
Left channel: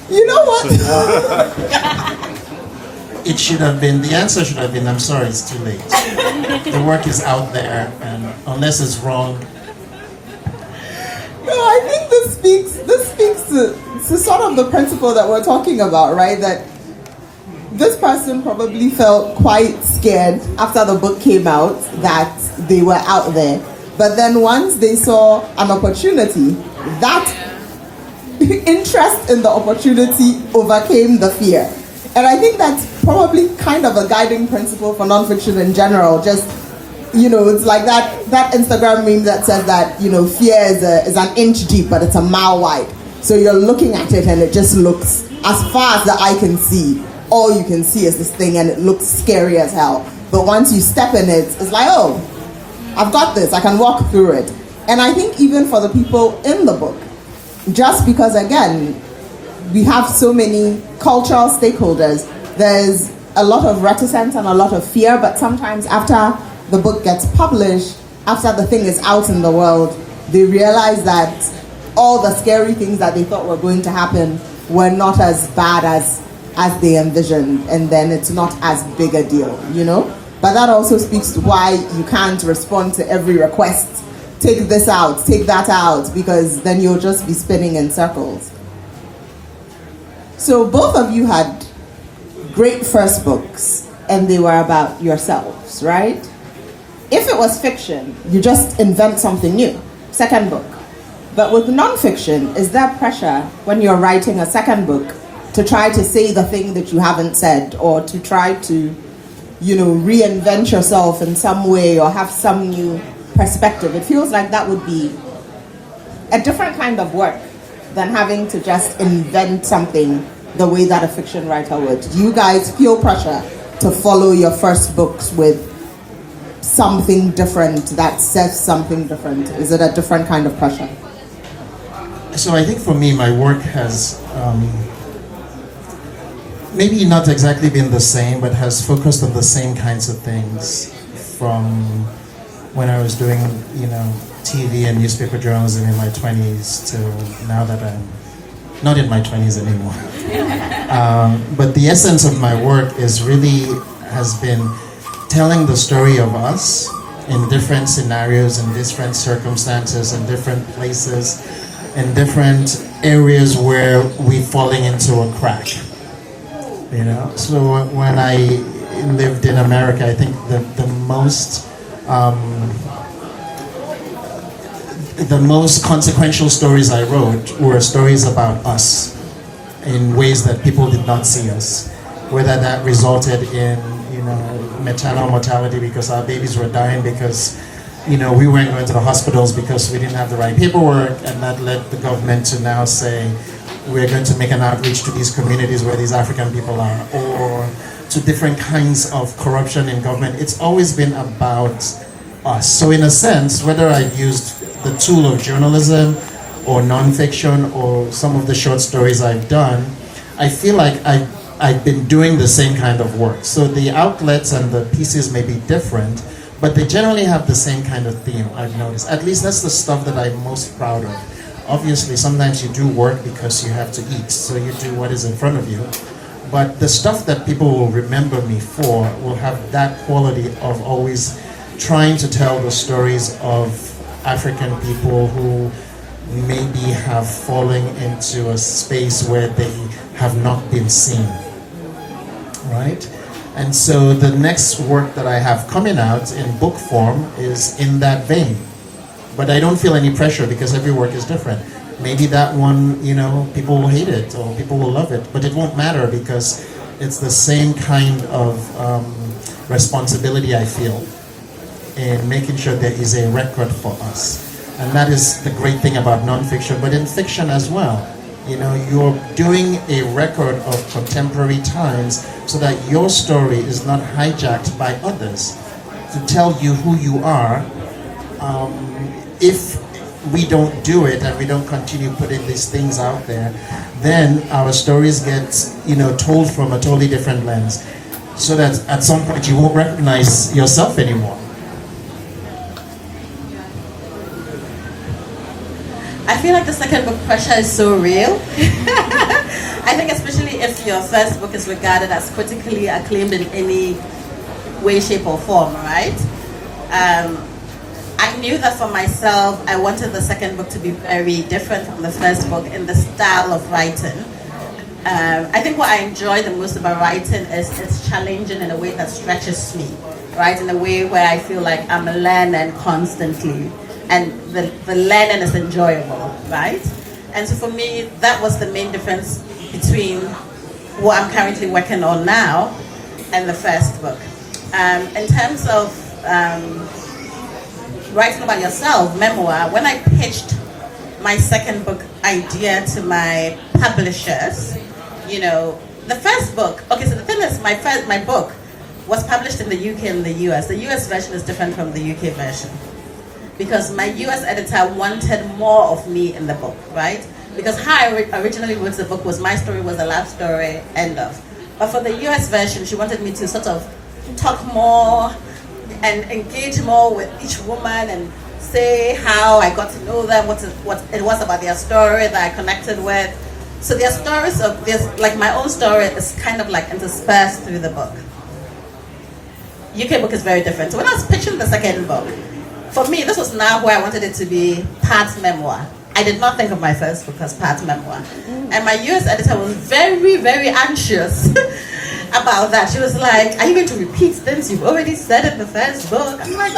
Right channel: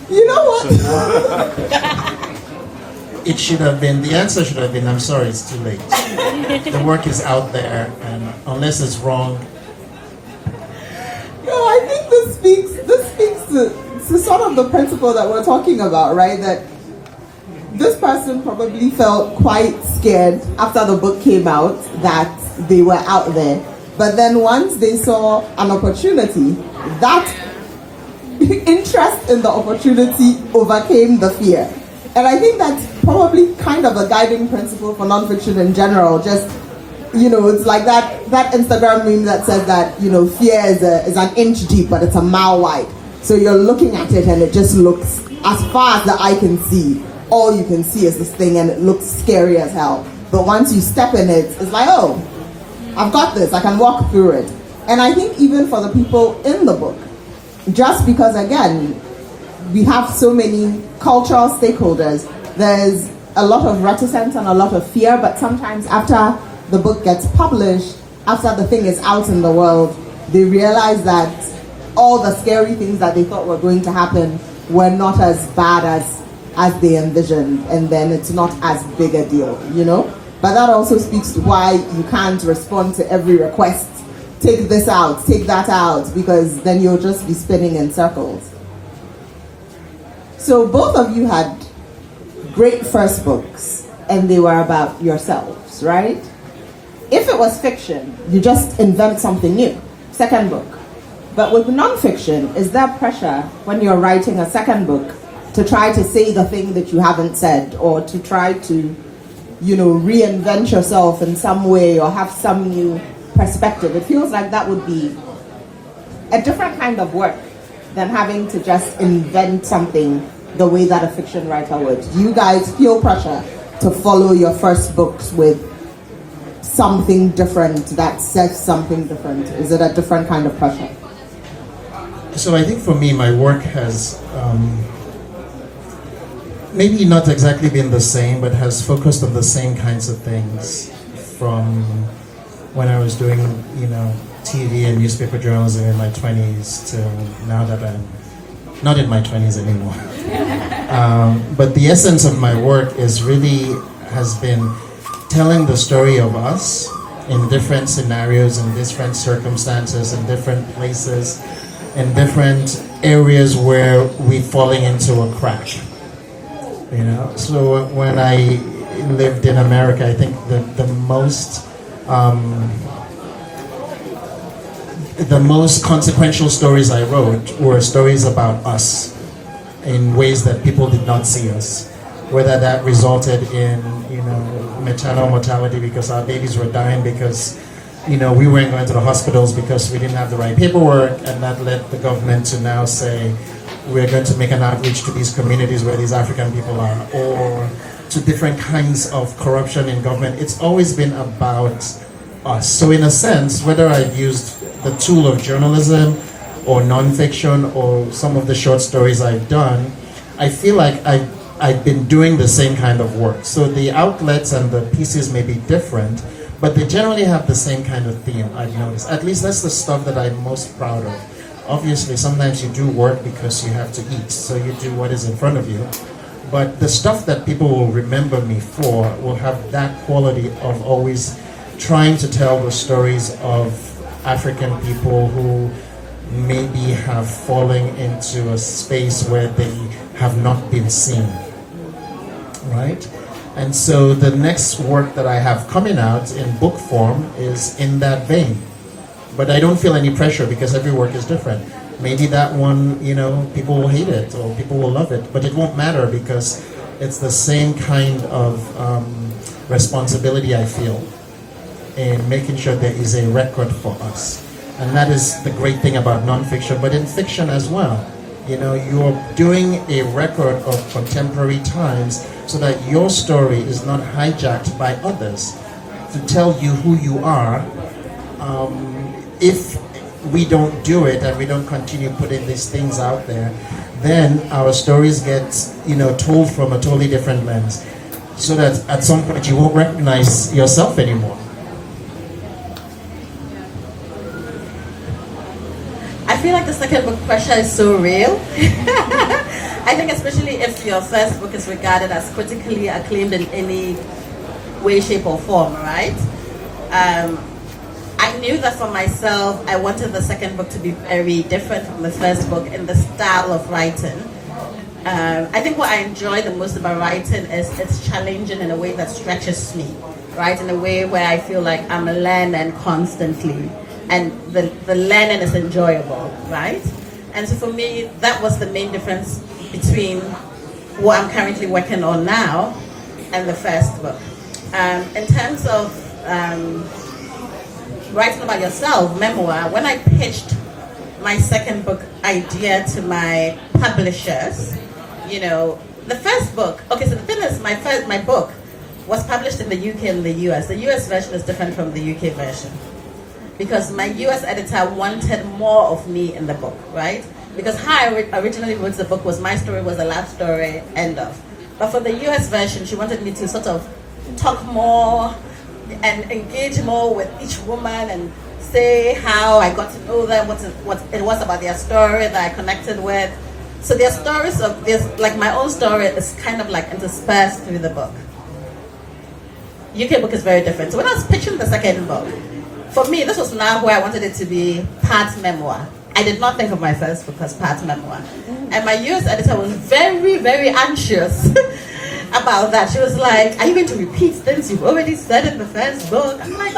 You know what? It should have been, the answer should have been, I'm sorry, it's too late. The work is out there, and unless it's wrong. No, I think this speaks to sort of the principle that we're talking about, right? That this person probably felt quite scared after the book came out that they were out there. But then once they saw an opportunity, that interest in the opportunity overcame the fear. And I think that's probably kind of a guiding principle for nonfiction in general. Just, it's like that Instagram meme that says that, fear is an inch deep, but it's a mile wide. So you're looking at it and it just looks, as far as the eye can see, all you can see is this thing and it looks scary as hell. But once you step in it, it's like, oh, I've got this, I can walk through it. And I think even for the people in the book, just because, again, we have so many cultural stakeholders, there's a lot of reticence and a lot of fear, but sometimes after the book gets published, after the thing is out in the world, they realize that all the scary things that they thought were going to happen were not as bad as they envisioned, and then it's not as big a deal, But that also speaks to why you can't respond to every request. Take this out, take that out, because then you'll just be spinning in circles. So both of you had great first books, and they were about yourselves, right? If it was fiction, you just invent something new. Second book. But with nonfiction, is there pressure when you're writing a second book to try to say the thing that you haven't said, or to try to, reinvent yourself in some way or have some new perspective? It feels like that would be a different kind of work than having to just invent something the way that a fiction writer would. Do you guys feel pressure to follow your first books with something different that says something different? Is it a different kind of pressure? So I think for me, my work has maybe not exactly been the same, but has focused on the same kinds of things from when I was doing, TV and newspaper journalism in my 20s to now that I'm not in my 20s anymore. But the essence of my work has been telling the story of us in different scenarios, in different circumstances, in different places, in different areas where we're falling into a crack. So when I lived in America, I think the most consequential stories I wrote were stories about us in ways that people did not see us. Whether that resulted in, maternal mortality because our babies were dying because, we weren't going to the hospitals because we didn't have the right paperwork, and that led the government to now say, we're going to make an outreach to these communities where these African people are, or to different kinds of corruption in government. It's always been about us. So in a sense, whether I've used the tool of journalism or nonfiction or some of the short stories I've done, I feel like I've been doing the same kind of work. So the outlets and the pieces may be different, but they generally have the same kind of theme, I've noticed. At least that's the stuff that I'm most proud of. Obviously, sometimes you do work because you have to eat, so you do what is in front of you. But the stuff that people will remember me for will have that quality of always trying to tell the stories of African people who maybe have fallen into a space where they have not been seen, right? And so the next work that I have coming out in book form is in that vein. But I don't feel any pressure because every work is different. Maybe that one, people will hate it or people will love it, but it won't matter because it's the same kind of responsibility I feel in making sure there is a record for us. And that is the great thing about nonfiction, but in fiction as well. You're doing a record of contemporary times so that your story is not hijacked by others to tell you who you are. If we don't do it and we don't continue putting these things out there, then our stories get, told from a totally different lens, so that at some point you won't recognize yourself anymore. I feel like the second book pressure is so real. I think especially if your first book is regarded as critically acclaimed in any way, shape or form, right? I knew that for myself, I wanted the second book to be very different from the first book in the style of writing. I think what I enjoy the most about writing is it's challenging in a way that stretches me, right? In a way where I feel like I'm learning constantly, and the learning is enjoyable, right? And so for me, that was the main difference between what I'm currently working on now and the first book. In terms of writing about yourself, memoir, when I pitched my second book idea to my publishers, the first book, okay, so the thing is, my book was published in the UK and the US. The US version is different from the UK version, because my US editor wanted more of me in the book, right? Because how I originally wrote the book was my story was a love story, end of. But for the US version, she wanted me to sort of talk more and engage more with each woman and say how I got to know them, what it was about their story that I connected with. So their stories like my own story is kind of like interspersed through the book. UK book is very different. So when I was pitching the second book, for me, this was now where I wanted it to be part memoir. I did not think of my first book as part memoir. And my US editor was very, very anxious about that. She was like, are you going to repeat things you've already said in the first book? I'm like,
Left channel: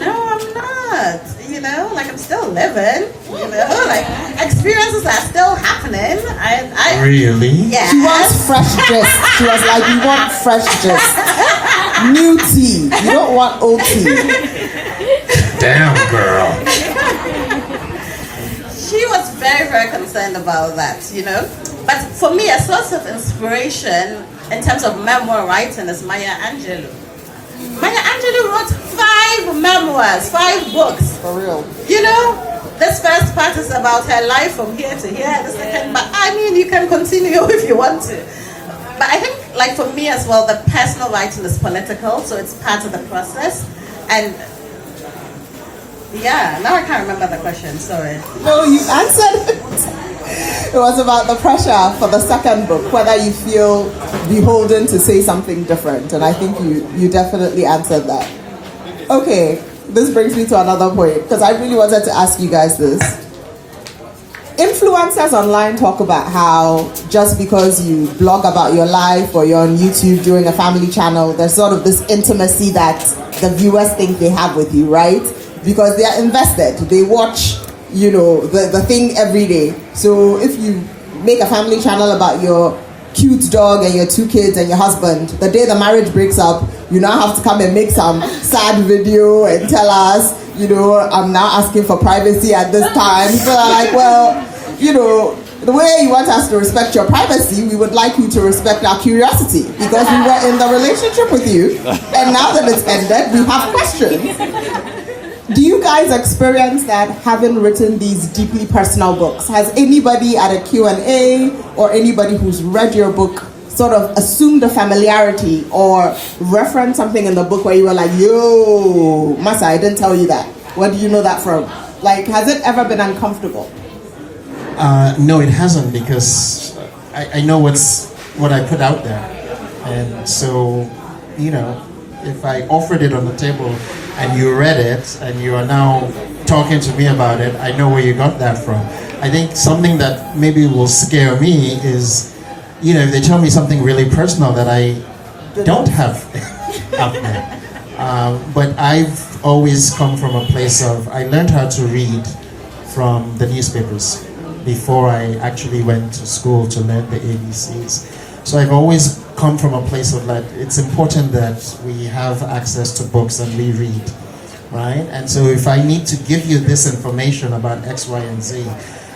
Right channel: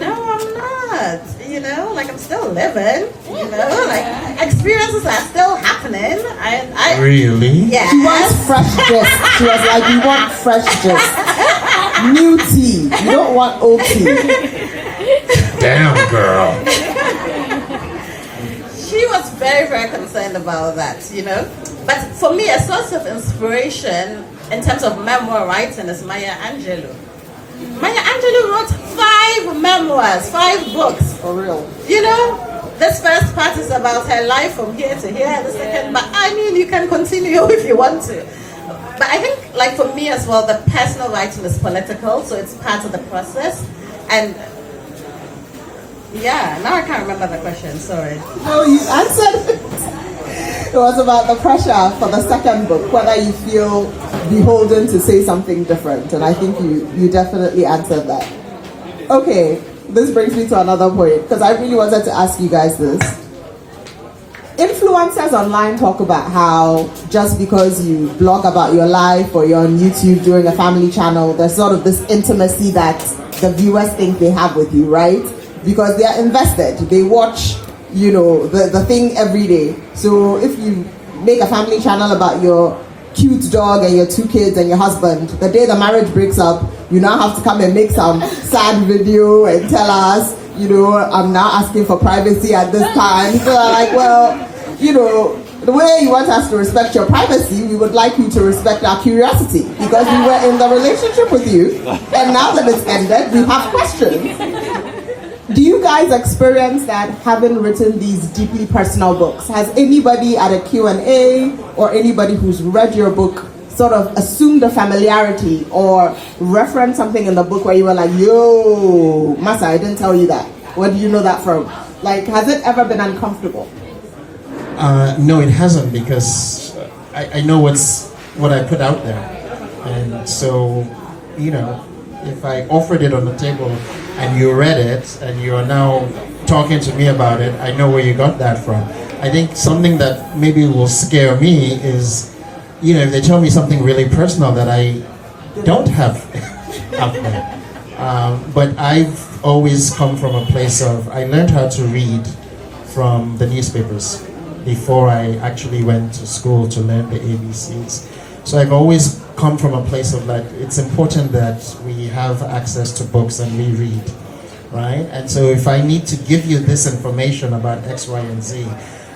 no, I'm not. Like I'm still living, like experiences are still happening. I Really? Yeah. She wants fresh gist. She was like, you want fresh gist. New tea. You don't want old tea. Damn, girl. She was very, very concerned about that, But for me, a source of inspiration in terms of memoir writing is Maya Angelou. Maya Angelou wrote 5 memoirs, 5 books. For real. This first part is about her life from here to here, the second, but you can continue if you want to. But I think, like for me as well, the personal writing is political, so it's part of the process. And yeah, now I can't remember the question, sorry. No, you answered it. It was about the pressure for the second book, whether you feel beholden to say something different. And I think you definitely answered that. Okay, this brings me to another point, because I really wanted to ask you guys this. Influencers online talk about how just because you blog about your life or you're on YouTube doing a family channel, there's sort of this intimacy that the viewers think they have with you, right? Because they are invested. They watch, the thing every day. So if you make a family channel about your cute dog and your 2 kids and your husband, the day the marriage breaks up, you now have to come and make some sad video and tell us, I'm now asking for privacy at this time. So like, well, the way you want us to respect your privacy, we would like you to respect our curiosity, because we were in the relationship with you, and now that it's ended, we have questions. Do you guys experience that, having written these deeply personal books? Has anybody at a Q&A or anybody who's read your book sort of assumed a familiarity or referenced something in the book where you were like, yo, Masa, I didn't tell you that. Where do you know that from? Like, has it ever been uncomfortable? No, it hasn't, because I know what I put out there. And so, if I offered it on the table and you read it and you are now talking to me about it, I know where you got that from. I think something that maybe will scare me is, if they tell me something really personal that I don't have out there. But I've always come from a place of, I learned how to read from the newspapers before I actually went to school to learn the ABCs. So I've always come from a place of that it's important that we have access to books and we read, right? And so if I need to give you this information about X, Y, and Z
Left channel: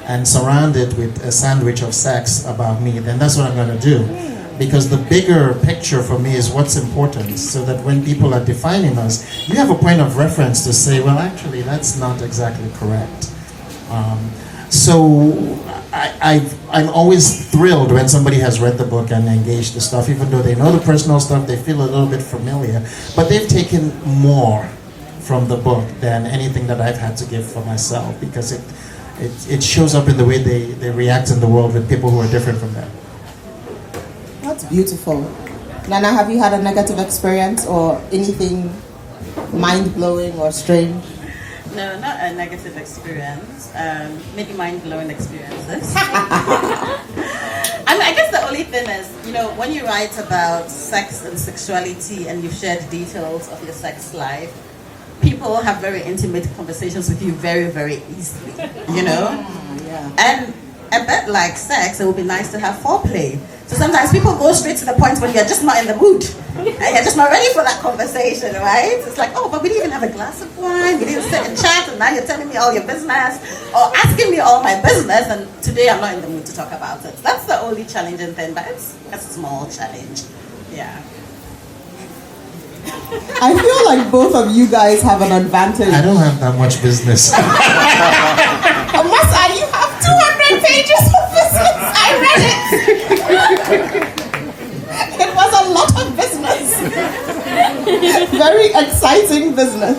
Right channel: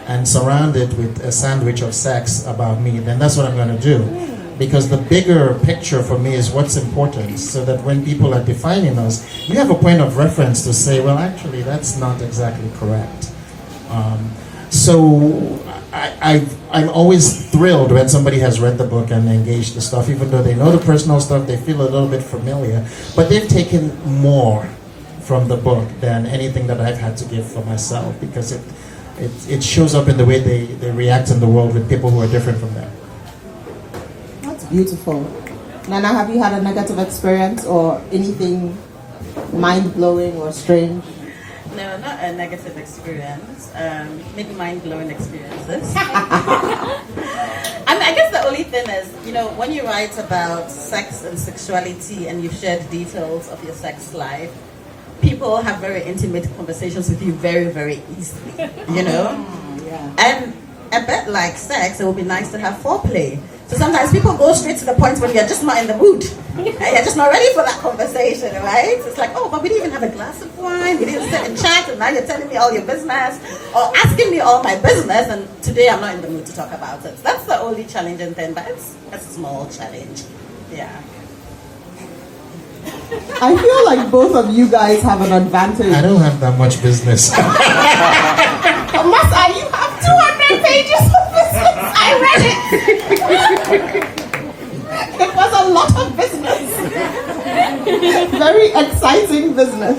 and surround it with a sandwich of sex about me, then that's what I'm going to do. Because the bigger picture for me is what's important, so that when people are defining us, you have a point of reference to say, well, actually, that's not exactly correct. So I'm always thrilled when somebody has read the book and engaged the stuff, even though they know the personal stuff, they feel a little bit familiar, but they've taken more from the book than anything that I've had to give for myself, because it shows up in the way they react in the world with people who are different from them. That's beautiful. Nana, have you had a negative experience or anything mind-blowing or strange? No, not a negative experience. Maybe mind-blowing experiences. I guess the only thing is, when you write about sex and sexuality and you've shared details of your sex life, people have very intimate conversations with you very, very easily, Yeah. And a bit like sex, it would be nice to have foreplay. So sometimes people go straight to the point when you're just not in the mood. And you're just not ready for that conversation, right? It's like, oh, but we didn't even have a glass of wine. We didn't sit and chat, and now you're telling me all your business or asking me all my business, and today I'm not in the mood to talk about it. That's the only challenging thing, but it's a small challenge. Yeah. I feel like both of you guys have an advantage. I don't have that much business. Masa, you have 200 pages of business. I read it. It was a lot of business. Very exciting business.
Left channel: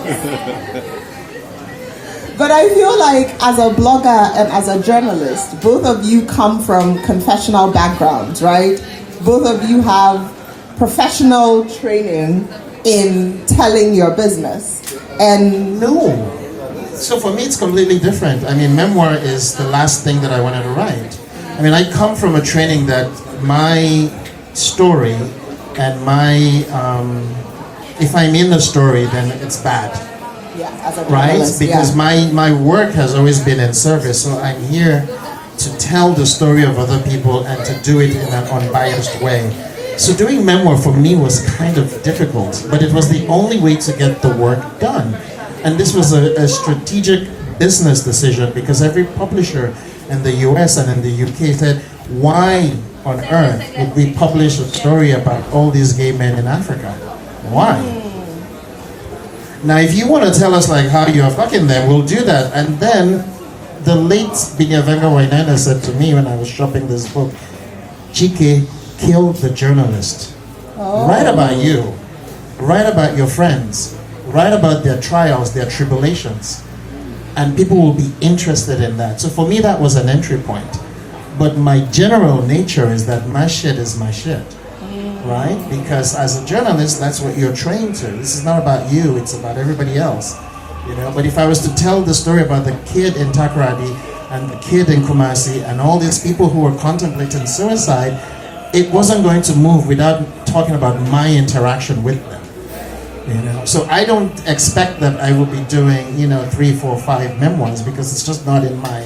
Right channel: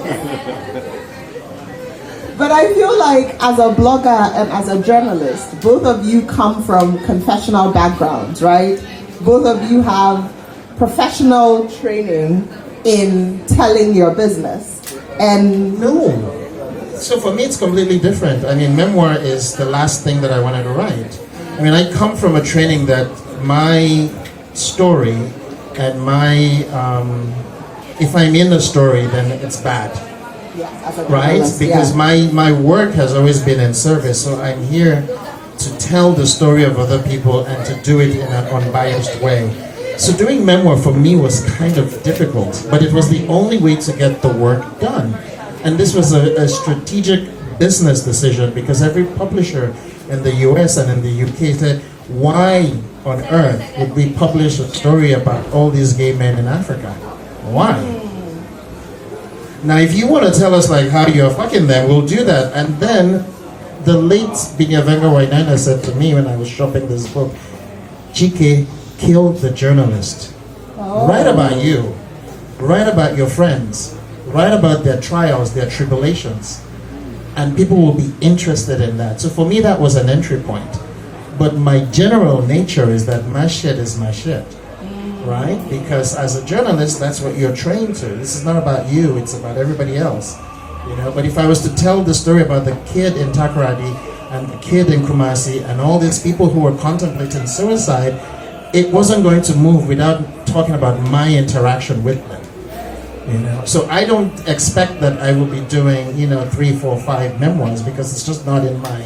But I feel like as a blogger and as a journalist, both of you come from confessional backgrounds, right? Both of you have professional training in telling your business. And No. So for me, it's completely different. I mean, memoir is the last thing that I wanted to write. I mean, I come from a training that my story and my, if I'm in a story, then it's bad. yeah, as a Right? journalist, Because yeah. my work has always been in service. So I'm here to tell the story of other people and to do it in an unbiased way. So doing memoir for me was kind of difficult, but it was the only way to get the work done. And this was a strategic business decision, because every publisher in the US and in the UK said, why on earth would we publish a story about all these gay men in Africa? Why? Now, if you want to tell us like how you're fucking them, we'll do that. And then the late Binyavenga Wainaina said to me when I was shopping this book, Chike, kill the journalist. Write about you. Write about your friends. Write about their trials, their tribulations. And people will be interested in that. So for me, that was an entry point. But my general nature is that my shit is my shit. Right? Because as a journalist, that's what you're trained to. This is not about you, it's about everybody else. But if I was to tell the story about the kid in Takoradi and the kid in Kumasi and all these people who were contemplating suicide, it wasn't going to move without talking about my interaction with them. So I don't expect that I would be doing 3, 4, 5 memoirs, because it's just not in my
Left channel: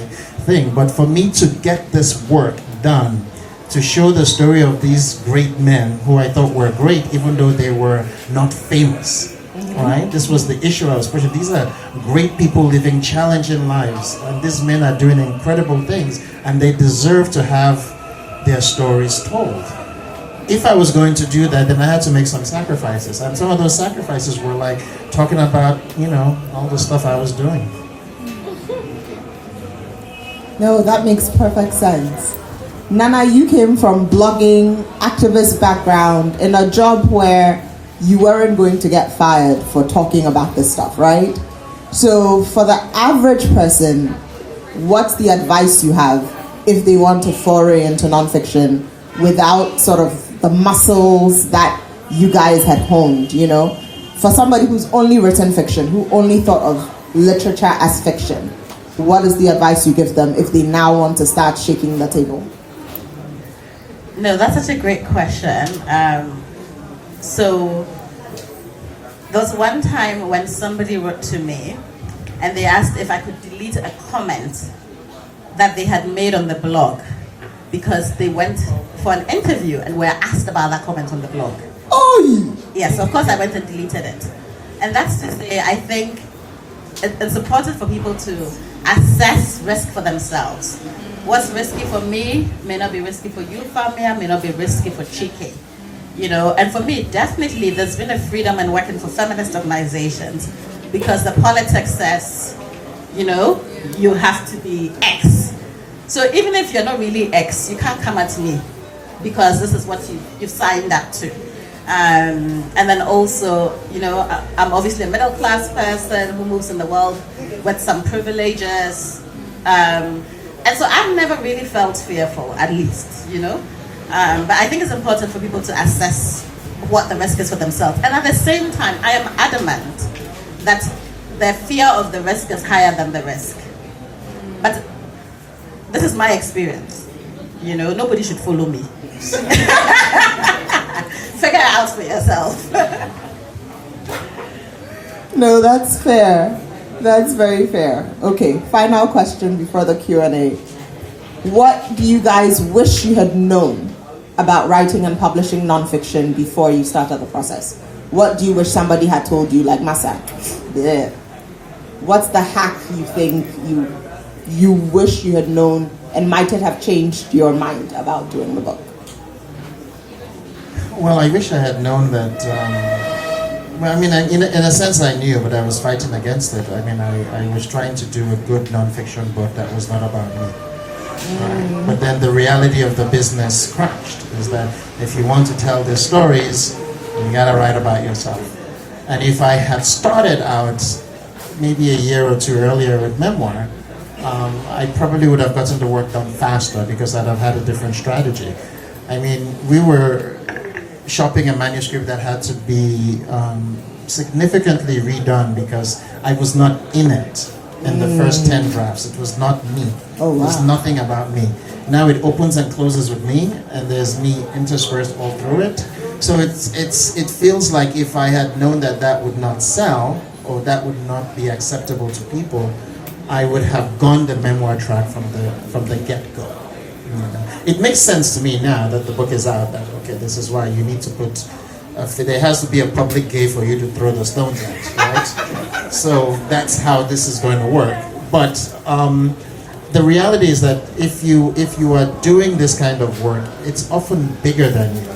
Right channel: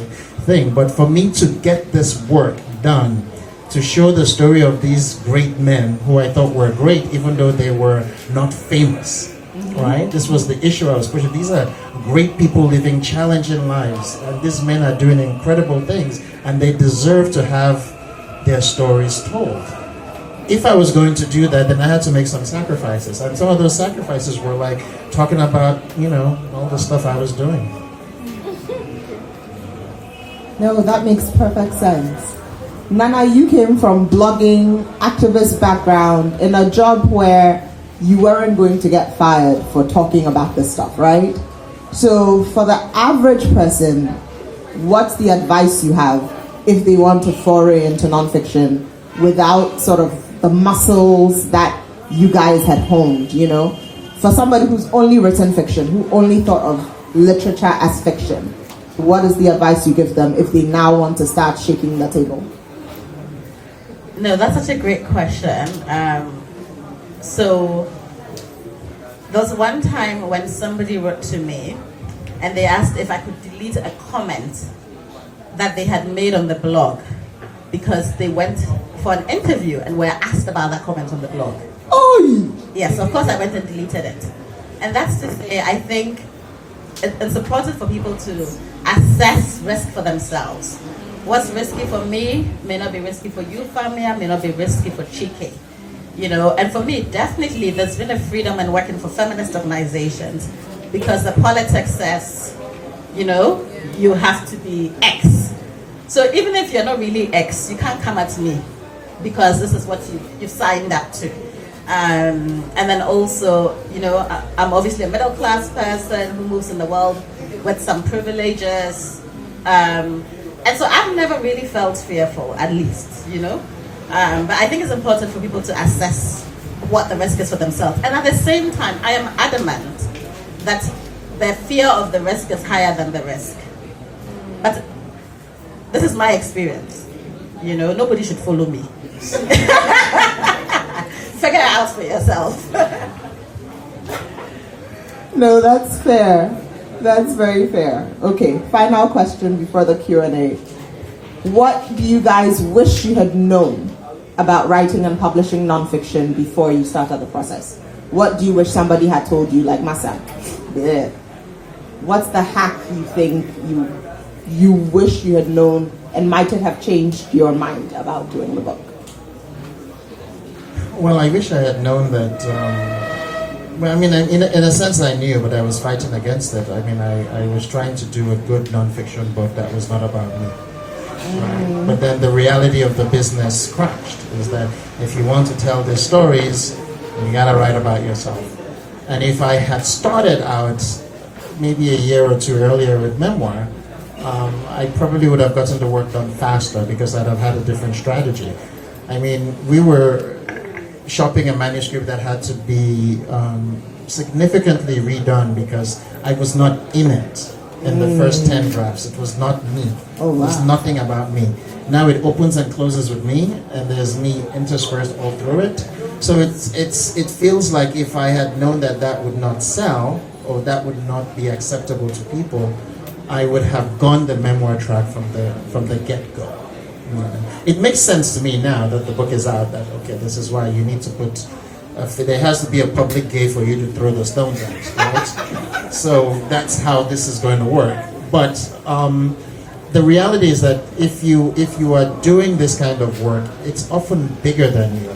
thing. But for me to get this work done, to show the story of these great men who I thought were great, even though they were not famous, right? This was the issue I was pushing. These are great people living challenging lives, and these men are doing incredible things, and they deserve to have their stories told. If I was going to do that, then I had to make some sacrifices, and some of those sacrifices were like talking about, all the stuff I was doing. No, that makes perfect sense. Nana, you came from blogging, activist background, in a job where you weren't going to get fired for talking about this stuff, right? So for the average person, what's the advice you have if they want to foray into nonfiction without sort of the muscles that you guys had honed, For somebody who's only written fiction, who only thought of literature as fiction, what is the advice you give them if they now want to start shaking the table? No, that's such a great question. So there was one time when somebody wrote to me and they asked if I could delete a comment that they had made on the blog because they went for an interview and were asked about that comment on the blog. Oh! Yes, of course I went and deleted it. And that's to say, I think it's important for people to assess risk for themselves. What's risky for me may not be risky for you, Famia, may not be risky for Chike. And for me, definitely there's been a freedom in working for feminist organizations because the politics says, you have to be X. So even if you're not really X, you can't come at me because this is what you've signed up to. And then also, I'm obviously a middle class person who moves in the world with some privileges. And so I've never really felt fearful, at least, But I think it's important for people to assess what the risk is for themselves. And at the same time, I am adamant that the fear of the risk is higher than the risk. But this is my experience. Nobody should follow me. Figure it out for yourself. No, that's fair. That's very fair. Okay, final question before the Q&A. What do you guys wish you had known about writing and publishing nonfiction before you started the process? What do you wish somebody had told you, like Masa? Yeah. What's the hack you think you wish you had known and might it have changed your mind about doing the book? Well, I wish I had known that. In a sense, I knew, but I was fighting against it. I was trying to do a good nonfiction book that was not about me. But then the reality of the business crashed. Is that if you want to tell the stories, you gotta write about yourself. And if I had started out maybe a year or two earlier with memoir, I probably would have gotten the work done faster because I'd have had a different strategy. We were shopping a manuscript that had to be significantly redone because I was not in it in the first 10 drafts. It was not me. Oh, wow. It was nothing about me. Now it opens and closes with me, and there's me interspersed all through it. So it feels like if I had known that would not sell or that would not be acceptable to people, I would have gone the memoir track from the get-go. It makes sense to me now that the book is out that, okay, this is why you need to put, there has to be a public gate for you to throw the stones at, right? So that's how this is going to work. But the reality is that if you are doing this kind of work, it's often bigger than you.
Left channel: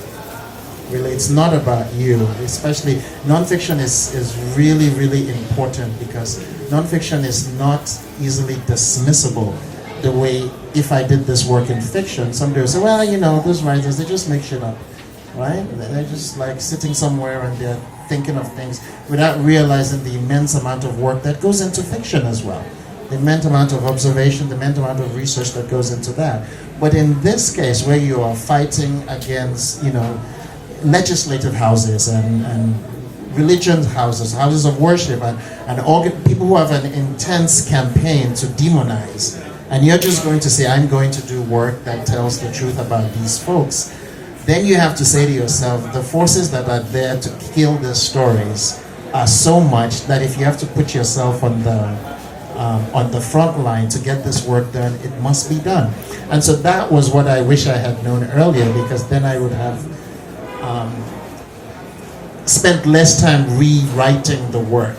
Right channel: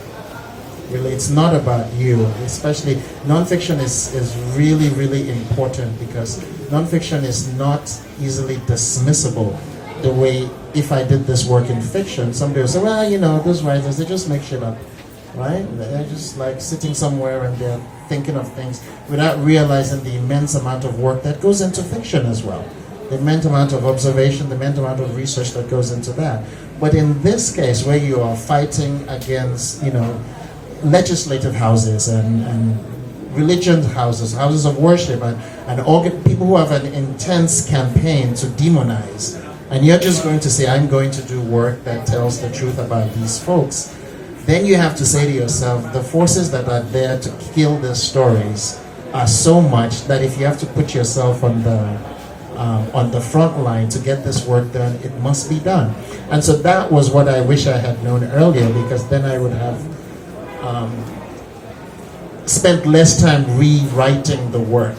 Really, it's not about you. Especially nonfiction is really, really important because nonfiction is not easily dismissible. The way if I did this work in fiction, somebody would say, well, those writers, they just make shit up, right? They're just like sitting somewhere and they're thinking of things without realizing the immense amount of work that goes into fiction as well. The immense amount of observation, the immense amount of research that goes into that. But in this case, where you are fighting against, legislative houses and religion houses of worship, and people who have an intense campaign to demonize, and you're just going to say, I'm going to do work that tells the truth about these folks, then you have to say to yourself, the forces that are there to kill these stories are so much that if you have to put yourself on the front line to get this work done, it must be done. And so that was what I wish I had known earlier, because then I would have spent less time rewriting the work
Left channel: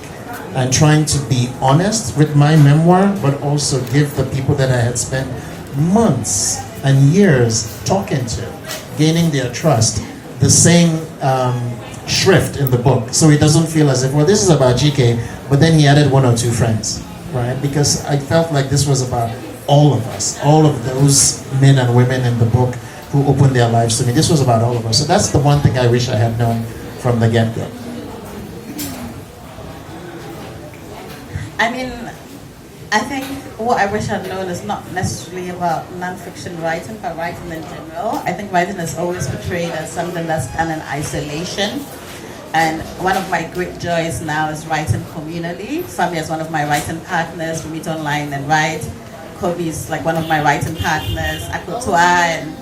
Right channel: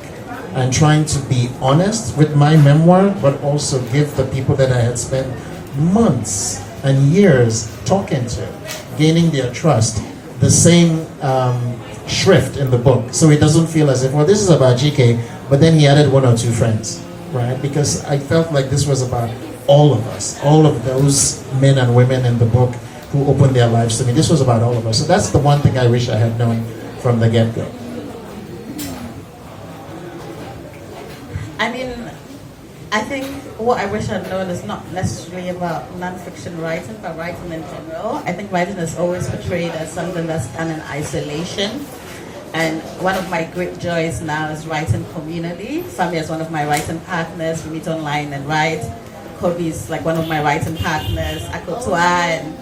and trying to be honest with my memoir, but also give the people that I had spent months and years talking to, gaining their trust, the same shrift in the book. So it doesn't feel as if, well, this is about GK, but then he added one or two friends, right? Because I felt like this was about all of us, all of those men and women in the book who opened their lives to me. This was about all of us. So that's the one thing I wish I had known from the get-go. I think what I wish I'd known is not necessarily about nonfiction writing, but writing in general. I think writing is always portrayed as something that's done in isolation. And one of my great joys now is writing communally. Fami is one of my writing partners. We meet online and write. Kobe is like one of my writing partners. Akotua and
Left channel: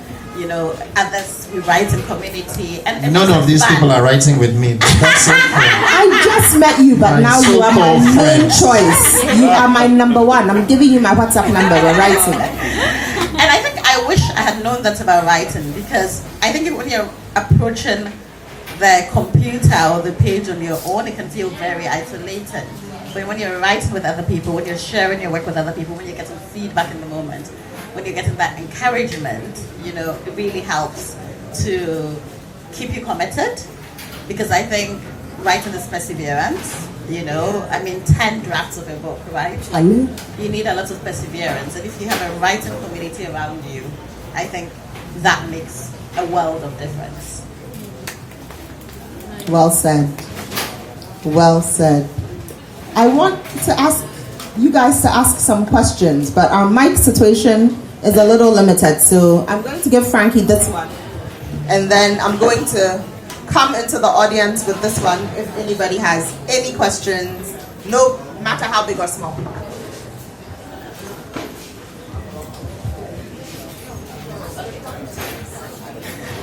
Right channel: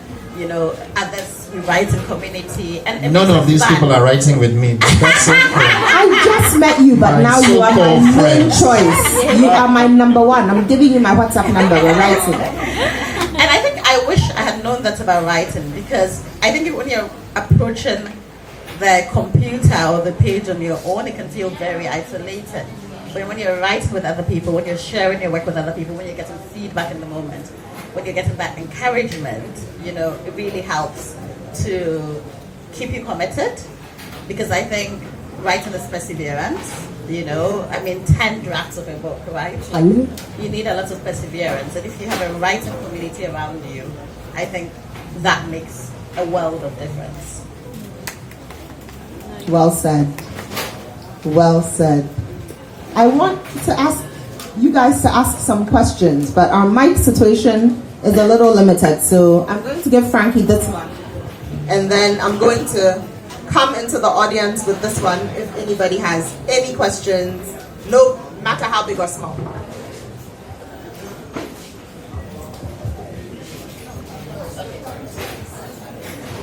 others, we write in community. And none of these people are writing with me. That's so cool. I just met you, but now you are my main choice. You are my number one. I'm giving you my WhatsApp number. We're writing. And I think I wish I had known that about writing, because I think when you're approaching the computer or the page on your own, it can feel very isolated. But when you're writing with other people, when you're sharing your work with other people, when you're getting feedback in the moment, when you're getting that encouragement, it really helps to keep you committed, because I think writing is perseverance. You know, I mean, 10 drafts of a book, right? I know. You need a lot of perseverance. And if you have a writing community around you, I think that makes a world of difference. Well said. Well said. I want to ask you guys to ask some questions, but our mic situation is a little limited, so I'm going to give Frankie this one, and then I'm going to come into the audience with this one if anybody has any questions, no matter how big or small.